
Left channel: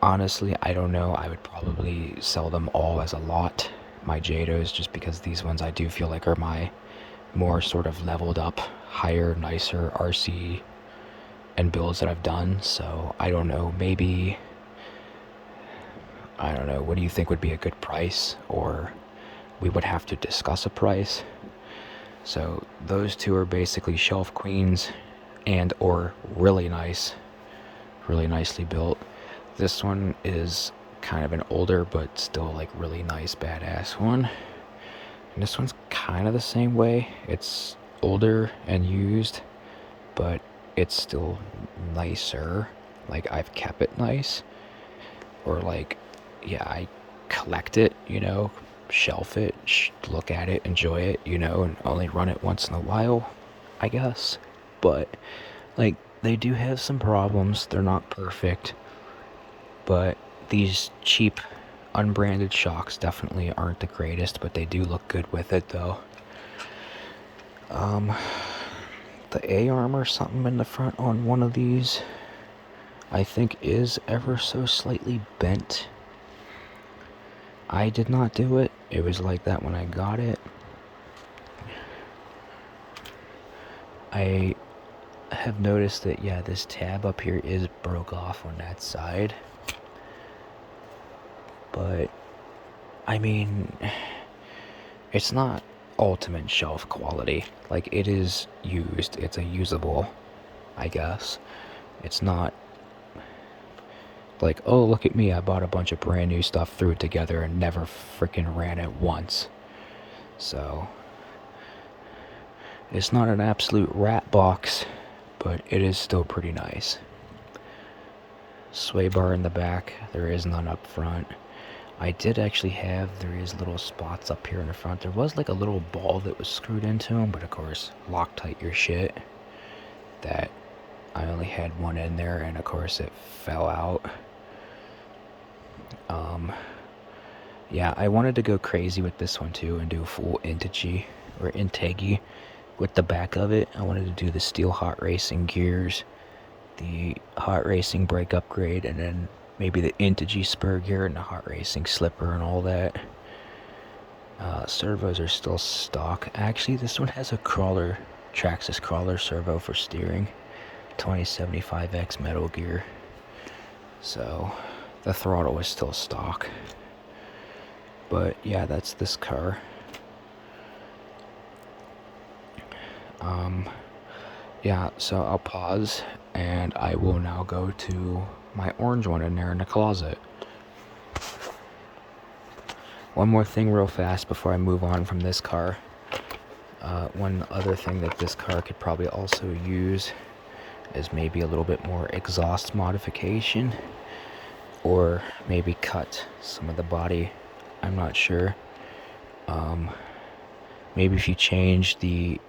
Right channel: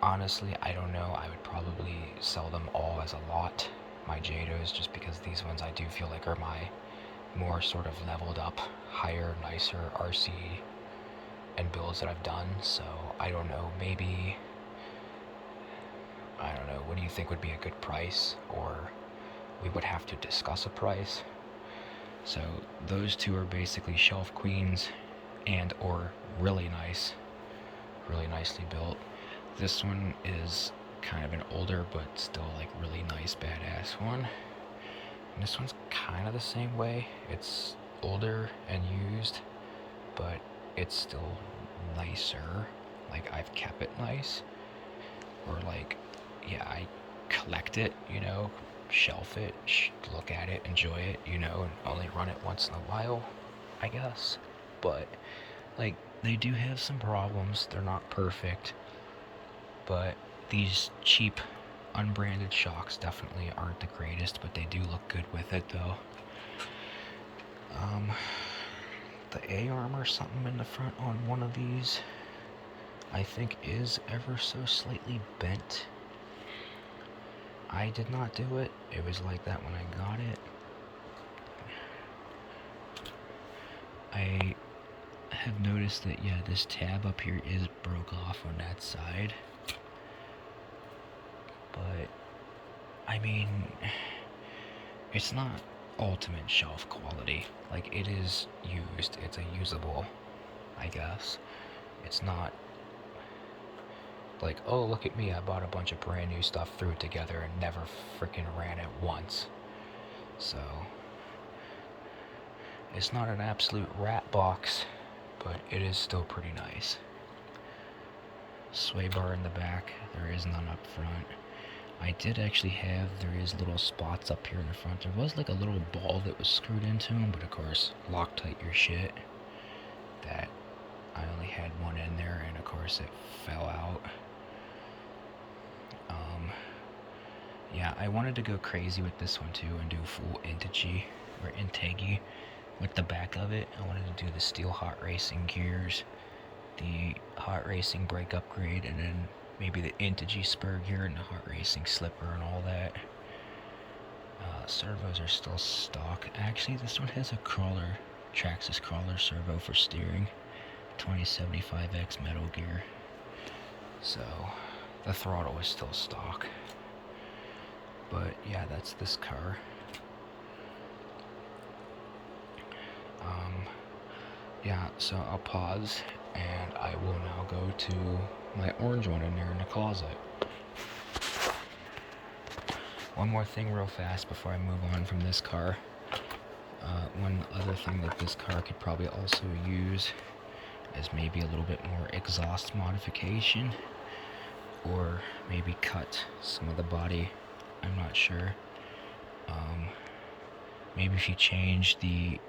honestly, I don't know, I would probably sell them all as a lot. My Jados, just because these ones I do feel like are my more sort of leveled up, higher, nicer RC and builds that I've done. So I don't know, maybe, I don't know, what do you think would be a good price? Or we would have to discuss a price. So those two are basically shelf queens and or really nice, really nicely built. This one is kind of an older but still like really nice badass one. And this one's kind of the same way. It's older and used, but it's still nicer. Like I've kept it nice, or like, yeah, I collect it, you know, shelf it, look at it, enjoy it, you know, and only run it once in a while, I guess. But like they do have some problems. They're not perfect, but these cheap unbranded shocks definitely aren't the greatest, but they do look good with it though. The A-arm or something in the front on one of these I think is ever so slightly bent. I did not do it. It was like that when I got it. I have noticed that, yeah, this tab up here is broke off on that side. But, I mean, it's not ultimate shelf quality. Like, it is used. It's a usable, I guess. It's not like, oh, look at me, I bought a bunch of brand new stuff, threw it together, and never freaking ran it once. So, it's not an absolute rat box, but it is still pretty nice. Sway bar in the back, there is none up front. I did actually have, there is little spots up here in the front. There was like a little ball that was screwed into them, but of course, Loctite your shit. That, I only had one in there, and of course it fell out. Yeah, I wanted to go crazy with this one too and do a full Integy or Integi with the back of it. I wanted to do the steel Hot Racing gears, the Hot Racing brake upgrade, and then maybe the Integy spur gear and the Hot Racing slipper and all that. Servos are still stock. Actually, this one has a crawler, Traxxas crawler servo for steering, 2075X metal gear. So the throttle is still stock. But yeah, that's this car. Yeah, so I'll pause and I will now go to my orange one in there in the closet. One more thing real fast before I move on from this car. One other thing that this car could probably also use is maybe a little bit more exhaust modification, or maybe cut some of the body. I'm not sure. Maybe if you change the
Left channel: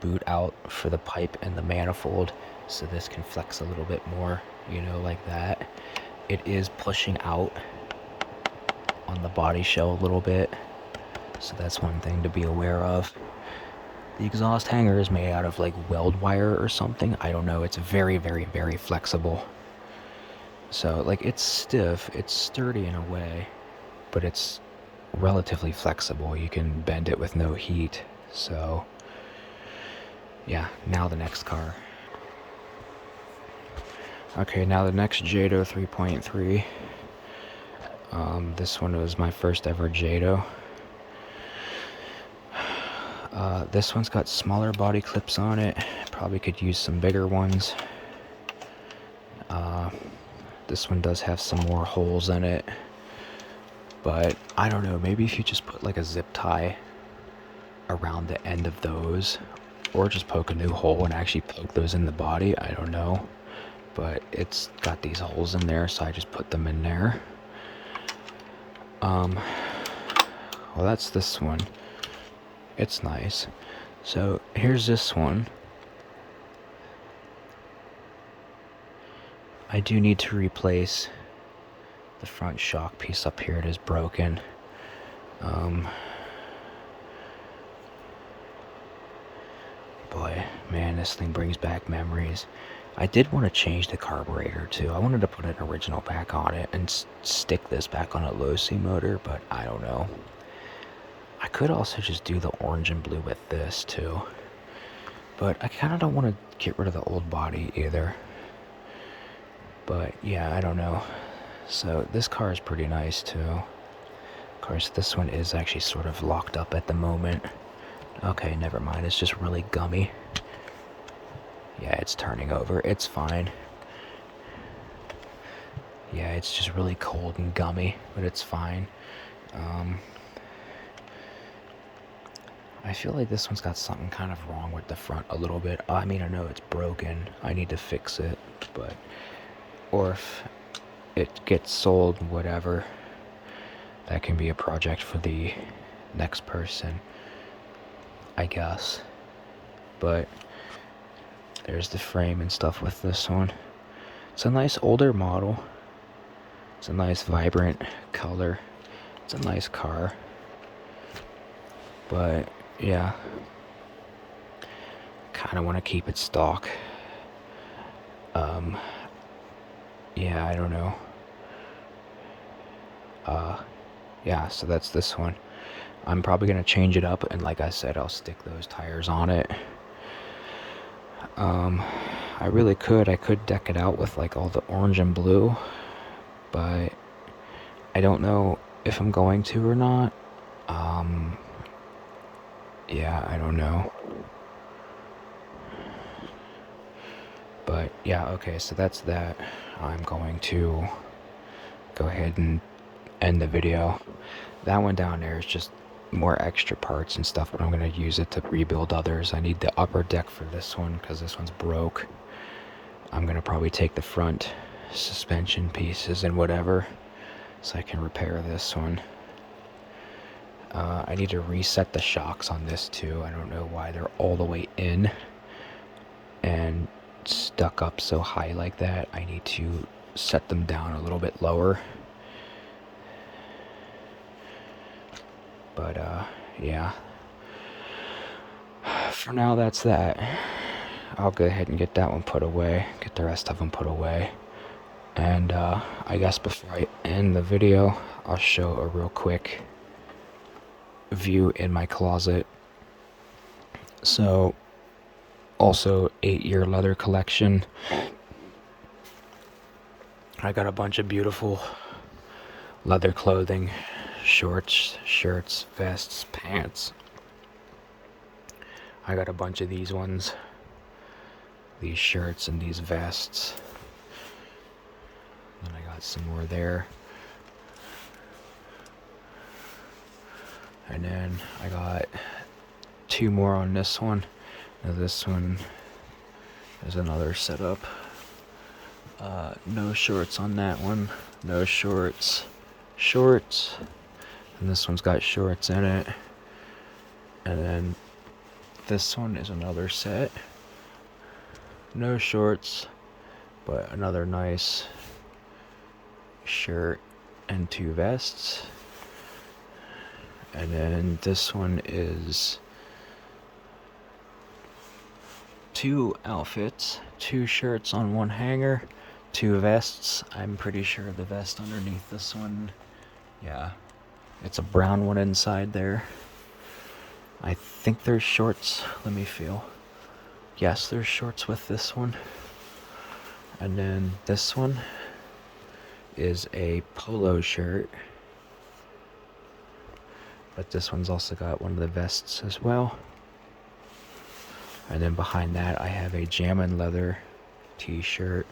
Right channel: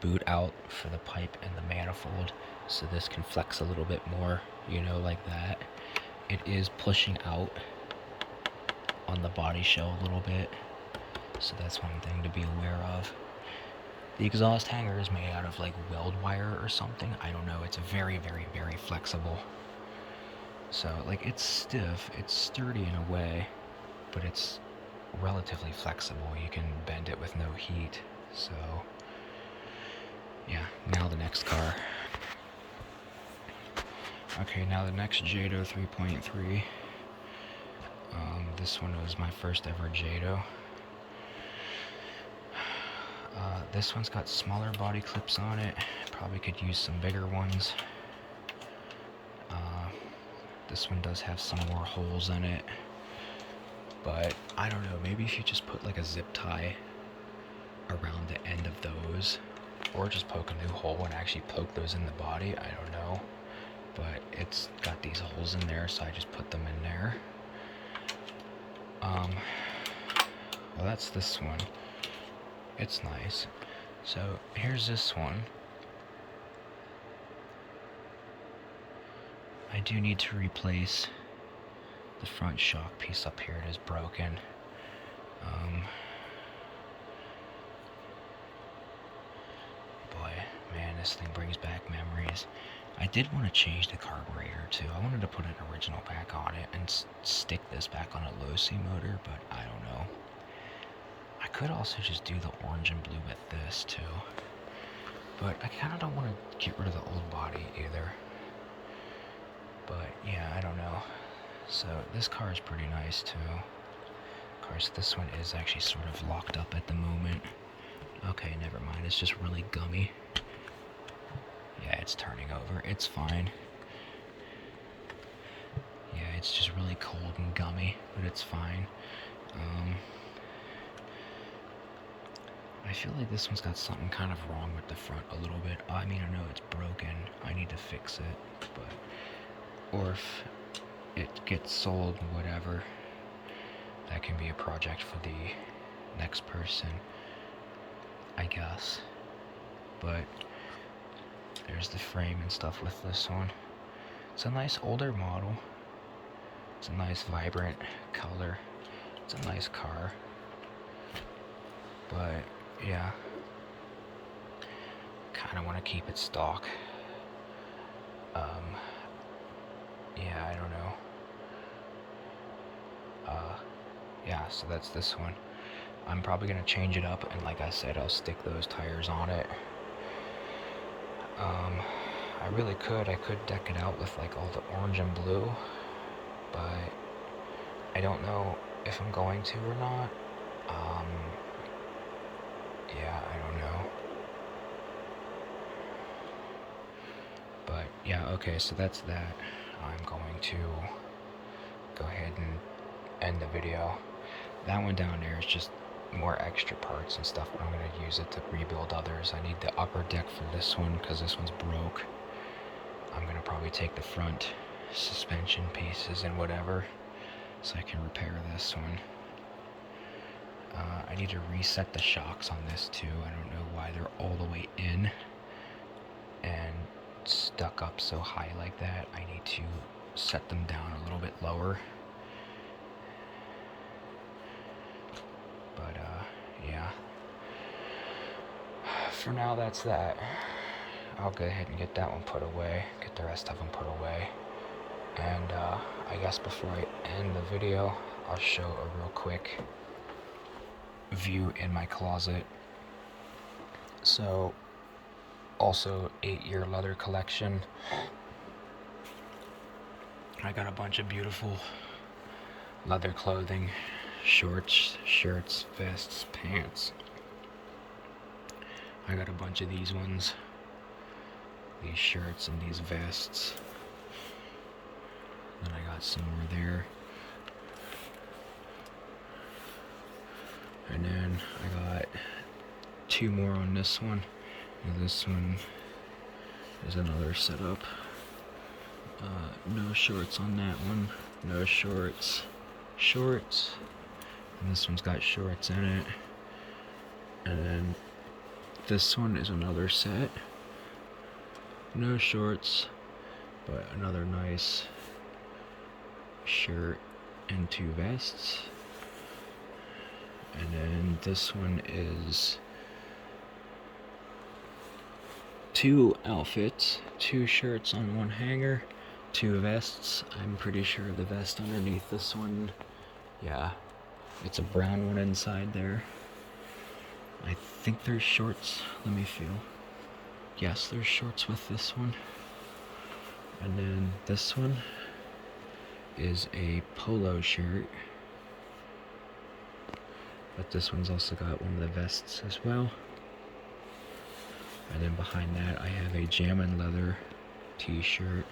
boot out for the pipe and the manifold, so this can flex a little bit more, you know, like that. It is pushing out on the body shell a little bit, so that's one thing to be aware of. The exhaust hanger is made out of like weld wire or something. I don't know. It's very, very, very flexible. So like it's stiff, it's sturdy in a way, but it's relatively flexible. You can bend it with no heat. So yeah, now the next car. Okay, now the next Jado 3.3. This one was my first ever Jado. This one's got smaller body clips on it. Probably could use some bigger ones. This one does have some more holes in it. But I don't know, maybe if you just put like a zip tie around the end of those, or just poke a new hole and actually poke those in the body, I don't know. But it's got these holes in there, so I just put them in there. Well, that's this one. It's nice. So here's this one. I do need to replace the front shock piece up here. It is broken. Boy, man, this thing brings back memories. I did want to change the carburetor too. I wanted to put an original back on it and stick this back on a low-C motor, but I don't know. I could also just do the orange and blue with this too, but I kind of don't want to get rid of the old body either. But yeah, I don't know. So this car is pretty nice too. Of course, this one is actually sort of locked up at the moment. Okay, never mind. It's just really gummy. Yeah, it's turning over. It's fine. Yeah, it's just really cold and gummy, but it's fine. I feel like this one's got something kind of wrong with the front a little bit. I mean, I know it's broken. I need to fix it, but... Or if it gets sold, whatever, that can be a project for the next person, I guess. But there's the frame and stuff with this one. It's a nice older model. It's a nice vibrant color. It's a nice car. But yeah, kind of want to keep it stock. Yeah, I don't know. Yeah, so that's this one. I'm probably gonna change it up, and like I said, I'll stick those tires on it. I really could. I could deck it out with like all the orange and blue, but I don't know if I'm going to or not. Yeah, I don't know. But yeah, okay, so that's that. I'm going to go ahead and end the video. That one down there is just more extra parts and stuff, but I'm going to use it to rebuild others. I need the upper deck for this one because this one's broke. I'm going to probably take the front suspension pieces and whatever so I can repair this one. I need to reset the shocks on this too. I don't know why they're all the way in and stuck up so high like that. I need to set them down a little bit lower. But yeah, for now that's that. I'll go ahead and get that one put away, get the rest of them put away, and I guess before I end the video, I'll show a real quick view in my closet. So also 8-year leather collection. I got a bunch of beautiful leather clothing, shorts, shirts, vests, pants, I got a bunch of these ones, these shirts and these vests. Then I got some more there. And then I got 2 more on this one. Now this one is another setup. No shorts on that one. No shorts. Shorts. And this one's got shorts in it. And then this one is another set. No shorts, but another nice shirt and 2 vests. And then this one is 2 outfits, 2 shirts on 1 hanger, 2 vests. I'm pretty sure the vest underneath this one, yeah, it's a brown one inside there. I think there's shorts. Let me feel. Yes, there's shorts with this one. And then this one is a polo shirt. But this one's also got one of the vests as well. And then behind that I have a Jammin' Leather t-shirt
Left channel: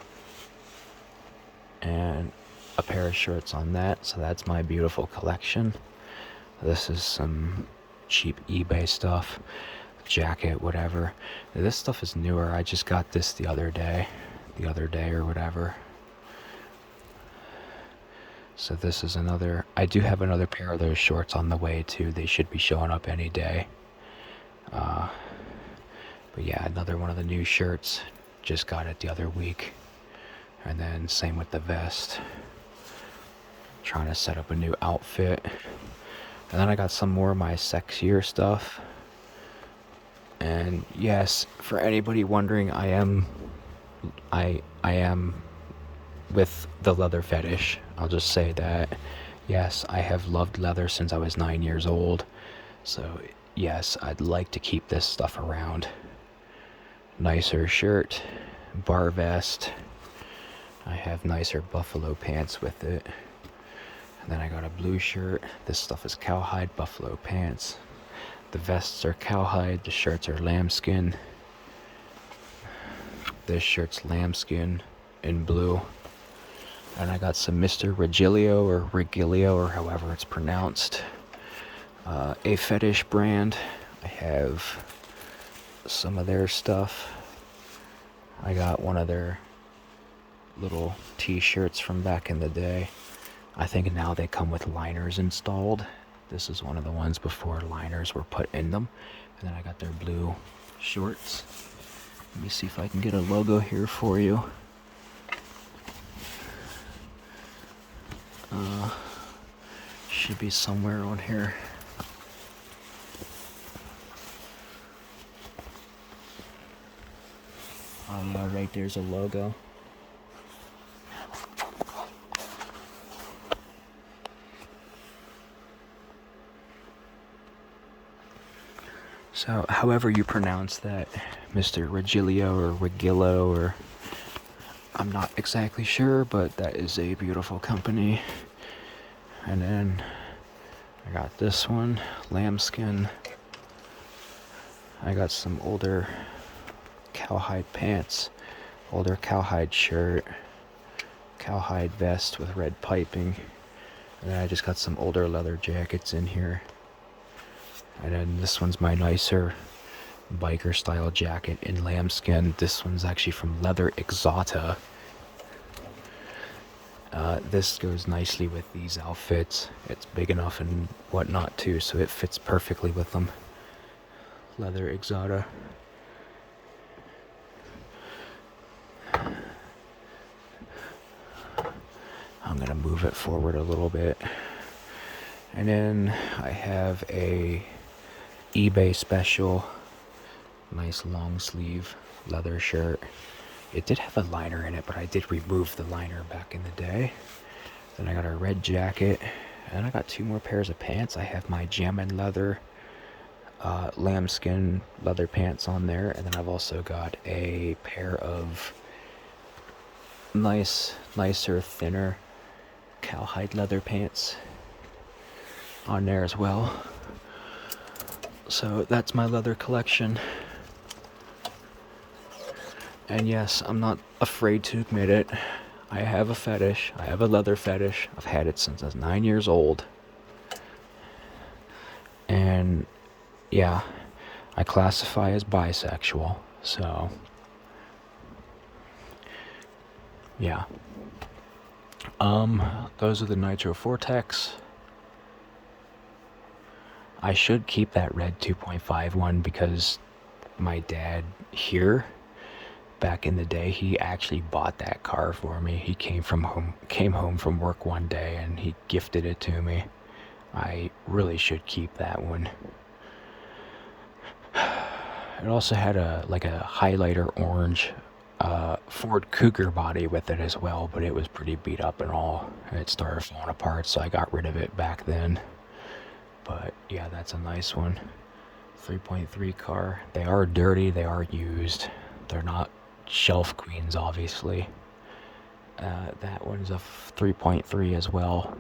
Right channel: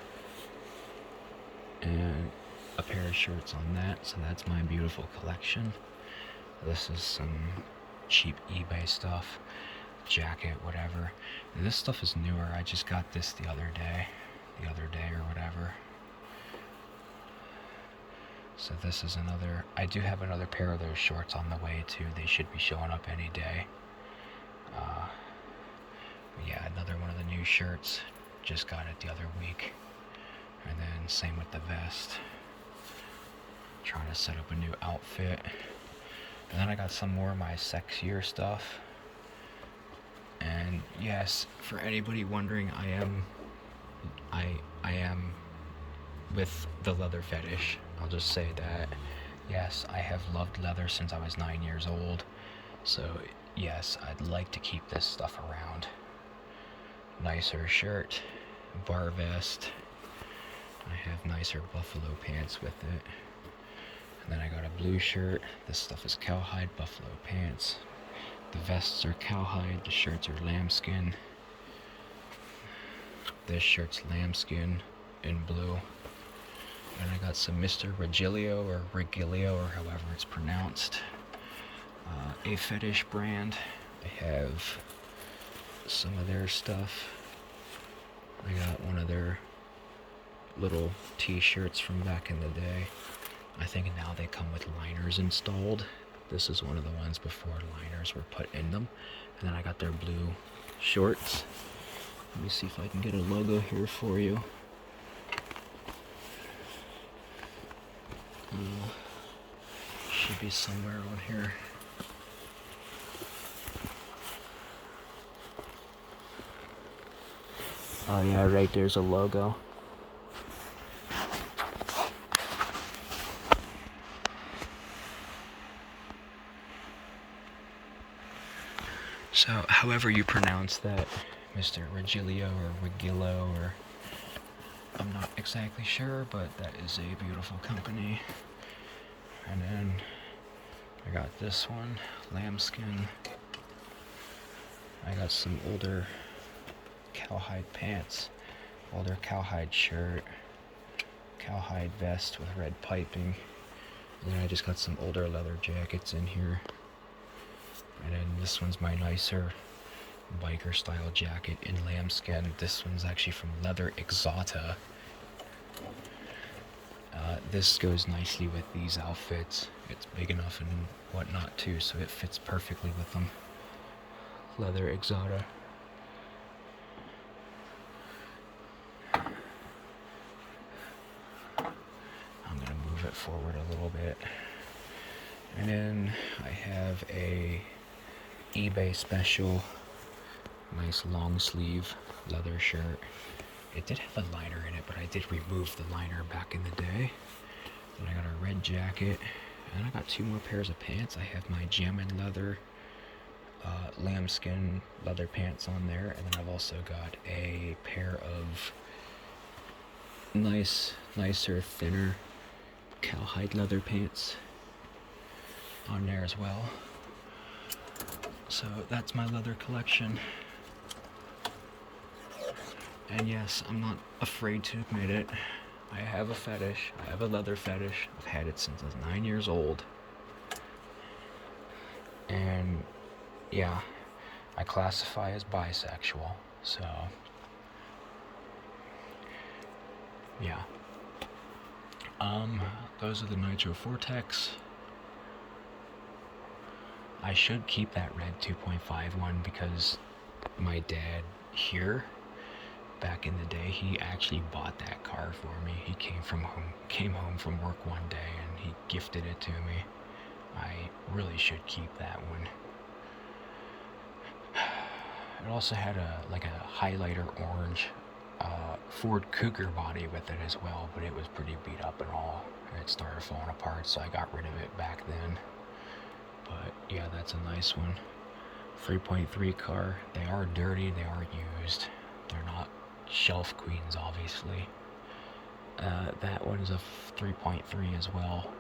and a pair of shorts on that. So that's my beautiful collection. This is some cheap eBay stuff, jacket, whatever. This stuff is newer. I just got this the other day or whatever. So this is another, I do have another pair of those shorts on the way too. They should be showing up any day. But yeah, another one of the new shirts. Just got it the other week. And then same with the vest. Trying to set up a new outfit. And then I got some more of my sexier stuff. And yes, for anybody wondering, I am with the leather fetish. I'll just say that. Yes, I have loved leather since I was 9 years old. So yes, I'd like to keep this stuff around. Nicer shirt, bar vest. I have nicer buffalo pants with it. And then I got a blue shirt. This stuff is cowhide buffalo pants. The vests are cowhide, the shirts are lambskin. This shirt's lambskin in blue. And I got some Mr. Regilio or Regilio or however it's pronounced. A fetish brand. I have some of their stuff. I got one of their little t-shirts from back in the day. I think now they come with liners installed. This is one of the ones before liners were put in them. And then I got their blue shorts. Let me see if I can get a logo here for you. Should be somewhere on here. Oh yeah, right there's a logo. So, however you pronounce that, Mr. Regilio or Regillo, or I'm not exactly sure, but that is a beautiful company. And then I got this one, lambskin. I got some older cowhide pants, older cowhide shirt, cowhide vest with red piping. And then I just got some older leather jackets in here. And then this one's my nicer biker style jacket in lambskin. This one's actually from Leather Exotica. This goes nicely with these outfits. It's big enough and whatnot too, so it fits perfectly with them. Leather Exotica. I'm gonna move it forward a little bit. And then I have a eBay special, nice long sleeve leather shirt. It did have a liner in it, but I did remove the liner back in the day. Then I got a red jacket, and I got 2 more pairs of pants. I have my Jammin' Leather lambskin leather pants on there, and then I've also got a pair of nicer, thinner cowhide leather pants on there as well. So that's my leather collection. And yes, I'm not afraid to admit it. I have a fetish. I have a leather fetish. I've had it since I was 9 years old. And yeah, I classify as bisexual. So, yeah. Those are the Nitro Vortex. I should keep that red 2.5 one because my dad here back in the day, he actually bought that car for me. He came home from work one day and he gifted it to me. I really should keep that one. It also had a highlighter orange Ford Cougar body with it as well, but it was pretty beat up and all, and it started falling apart, so I got rid of it back then. But yeah, that's a nice one. 3.3 car. They are dirty, they are used. They're not shelf queens, obviously. That one's a 3.3 as well.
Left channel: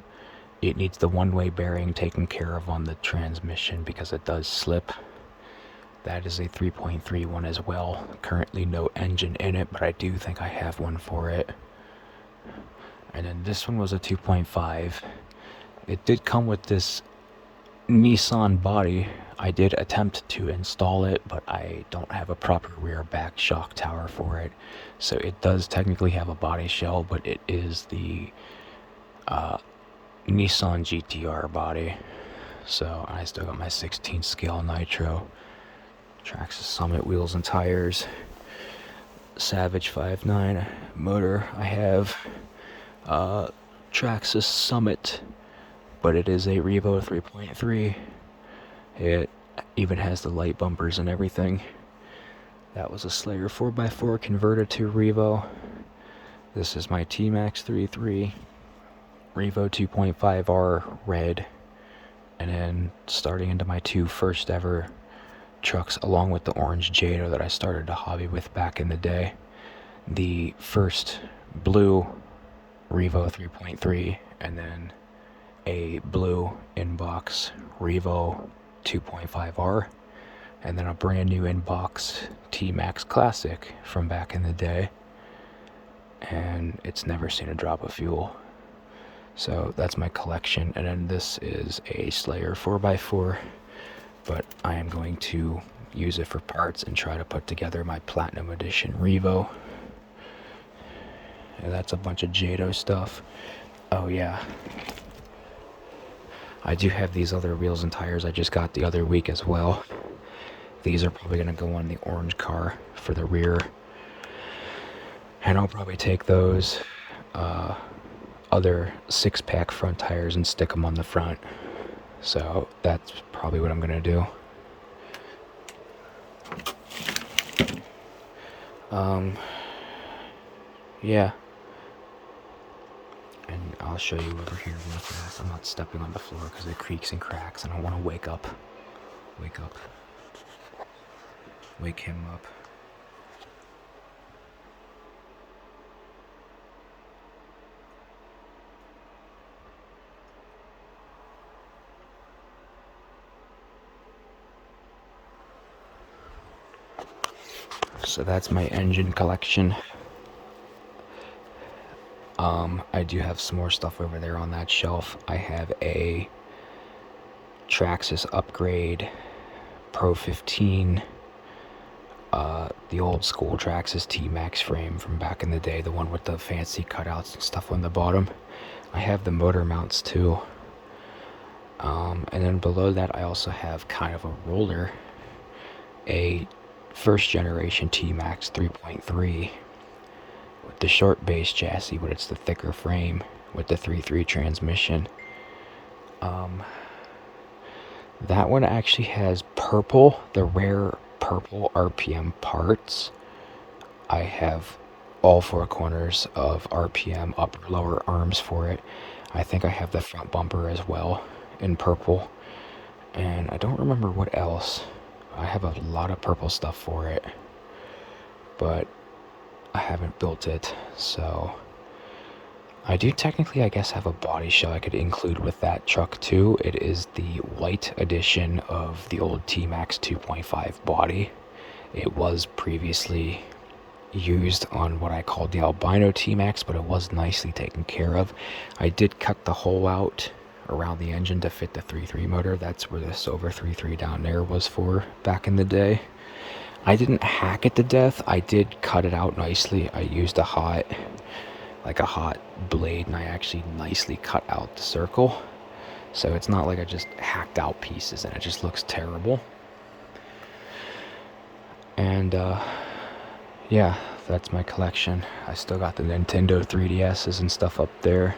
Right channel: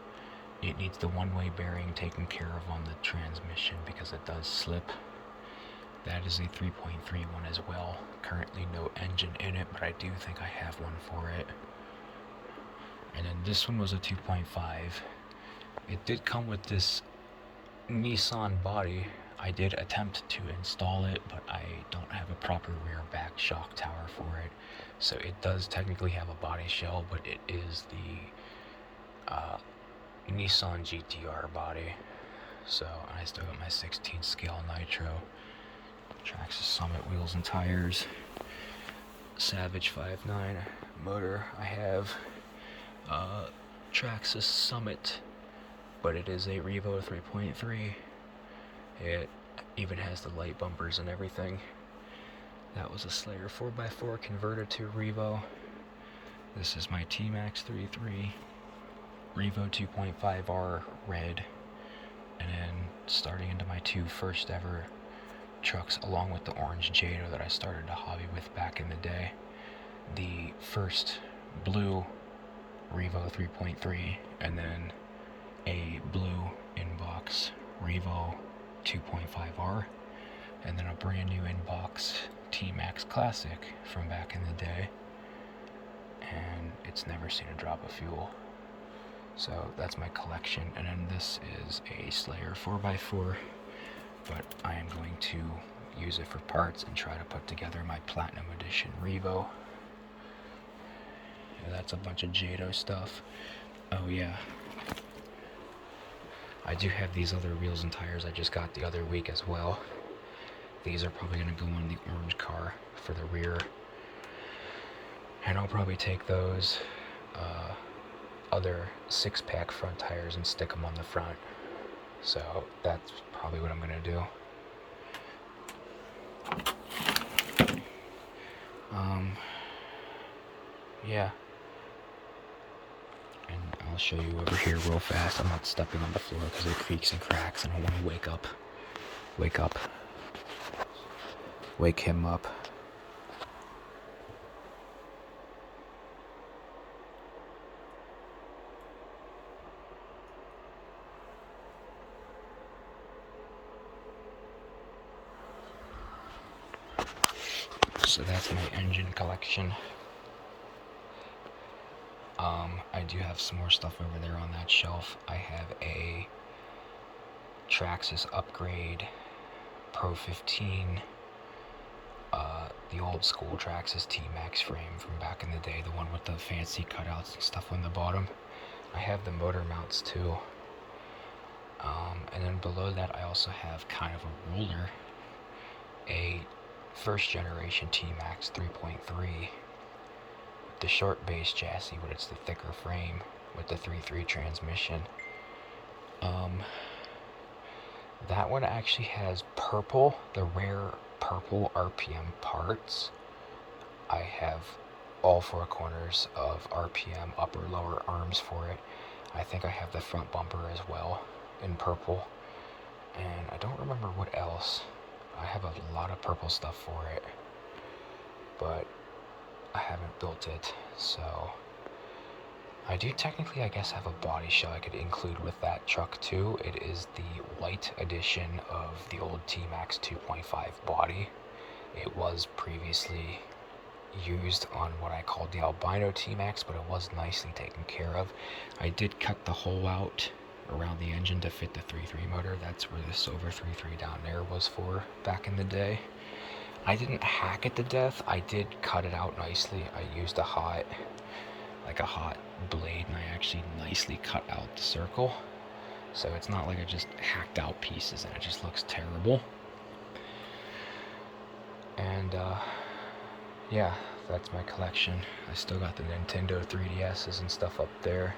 It needs the one-way bearing taken care of on the transmission because it does slip. That is a 3.3 one as well. Currently no engine in it, but I do think I have one for it. And then this one was a 2.5. It did come with this Nissan body. I did attempt to install it, but I don't have a proper rear back shock tower for it. So it does technically have a body shell, but it is the Nissan GTR body. So I still got my 16 scale nitro. Traxxas Summit wheels and tires. Savage 5.9 motor. I have Traxxas Summit, but it is a Revo 3.3. It even has the light bumpers and everything. That was a Slayer 4x4 converted to Revo. This is my T-Max 3.3 Revo 2.5R red. And then starting into my two first ever trucks, along with the orange Jado that I started to hobby with back in the day. The first blue Revo 3.3, and then a blue inbox Revo 2.5R, and then a brand new inbox T-Max Classic from back in the day, and it's never seen a drop of fuel. So that's my collection. And then this is a Slayer 4x4, but I am going to use it for parts and try to put together my Platinum Edition Revo. And that's a bunch of Jado stuff. Oh yeah, I do have these other wheels and tires I just got the other week as well. These are probably going to go on the orange car for the rear. And I'll probably take those other 6-pack front tires and stick them on the front. So that's probably what I'm going to do. Yeah. And I'll show you over here real fast. I'm not stepping on the floor because it creaks and cracks and I want to wake him up. So that's my engine collection. I do have some more stuff over there on that shelf. I have a Traxxas Upgrade Pro 15, the old school Traxxas T-Max frame from back in the day, the one with the fancy cutouts and stuff on the bottom. I have the motor mounts too. And then below that I also have kind of a roller, a first generation T-Max 3.3 with the short base chassis, but it's the thicker frame with the 3.3 transmission. That one actually has purple, the rare purple RPM parts. I have all four corners of RPM upper lower arms for it. I think I have the front bumper as well in purple, and I don't remember what else. I have a lot of purple stuff for it, but I haven't built it. So I do technically, I guess, have a body shell I could include with that truck too. It is the white edition of the old T-Max 2.5 body. It was previously used on what I called the albino T-Max, but it was nicely taken care of. I did cut the hole out around the engine to fit the 3.3 motor. That's where the Silver 3.3 down there was for back in the day. I didn't hack it to death. I did cut it out nicely. I used a hot blade, and I actually nicely cut out the circle. So it's not like I just hacked out pieces and it just looks terrible. And yeah, that's my collection. I still got the Nintendo 3DSs and stuff up there.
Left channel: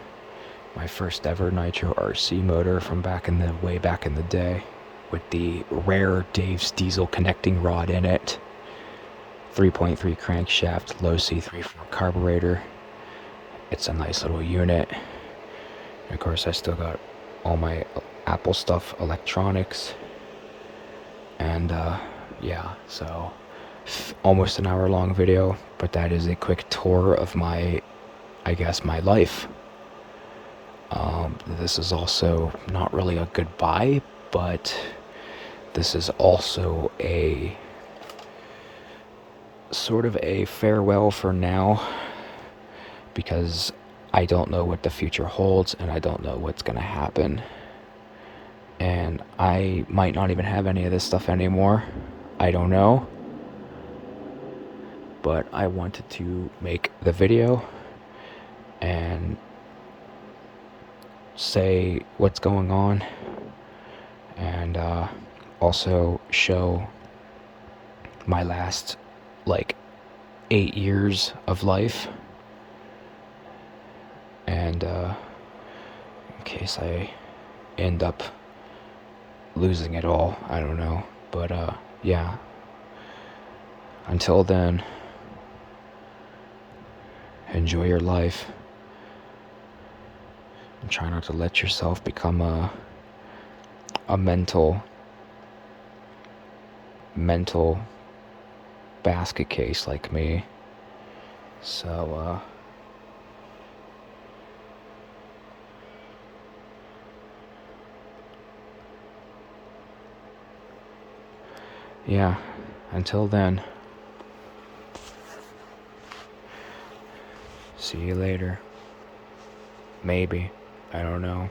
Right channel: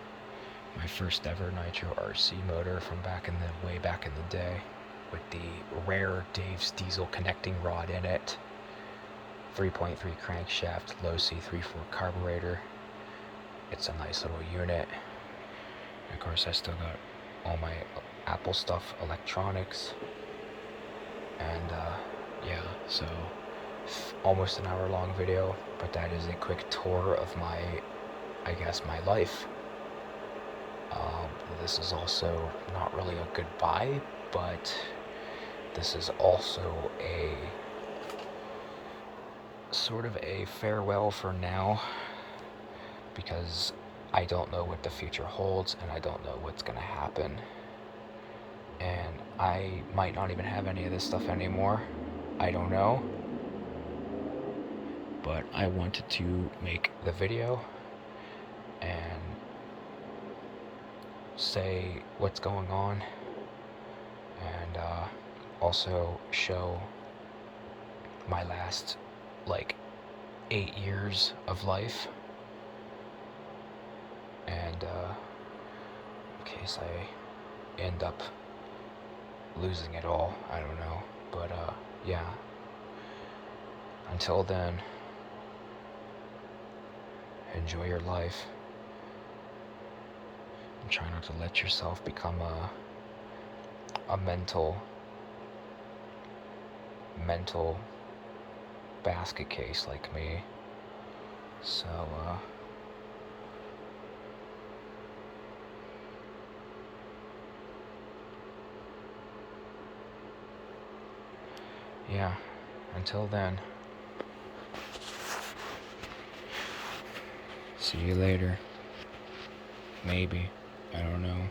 My first ever Nitro RC motor from way back in the day, with the rare Dave's Diesel connecting rod in it. 3.3 crankshaft, low C34 carburetor. It's a nice little unit. And of course, I still got all my Apple stuff, electronics. And yeah, so almost an hour long video, but that is a quick tour of my life. This is also not really a goodbye, but this is also a sort of a farewell for now, because I don't know what the future holds and I don't know what's gonna happen. And I might not even have any of this stuff anymore. I don't know. But I wanted to make the video and say what's going on, and also show my last 8 years of life, and in case I end up losing it all, I don't know. But yeah, until then, enjoy your life and try not to let yourself become a mental basket case like me. So yeah, until then, see you later. Maybe. I don't know.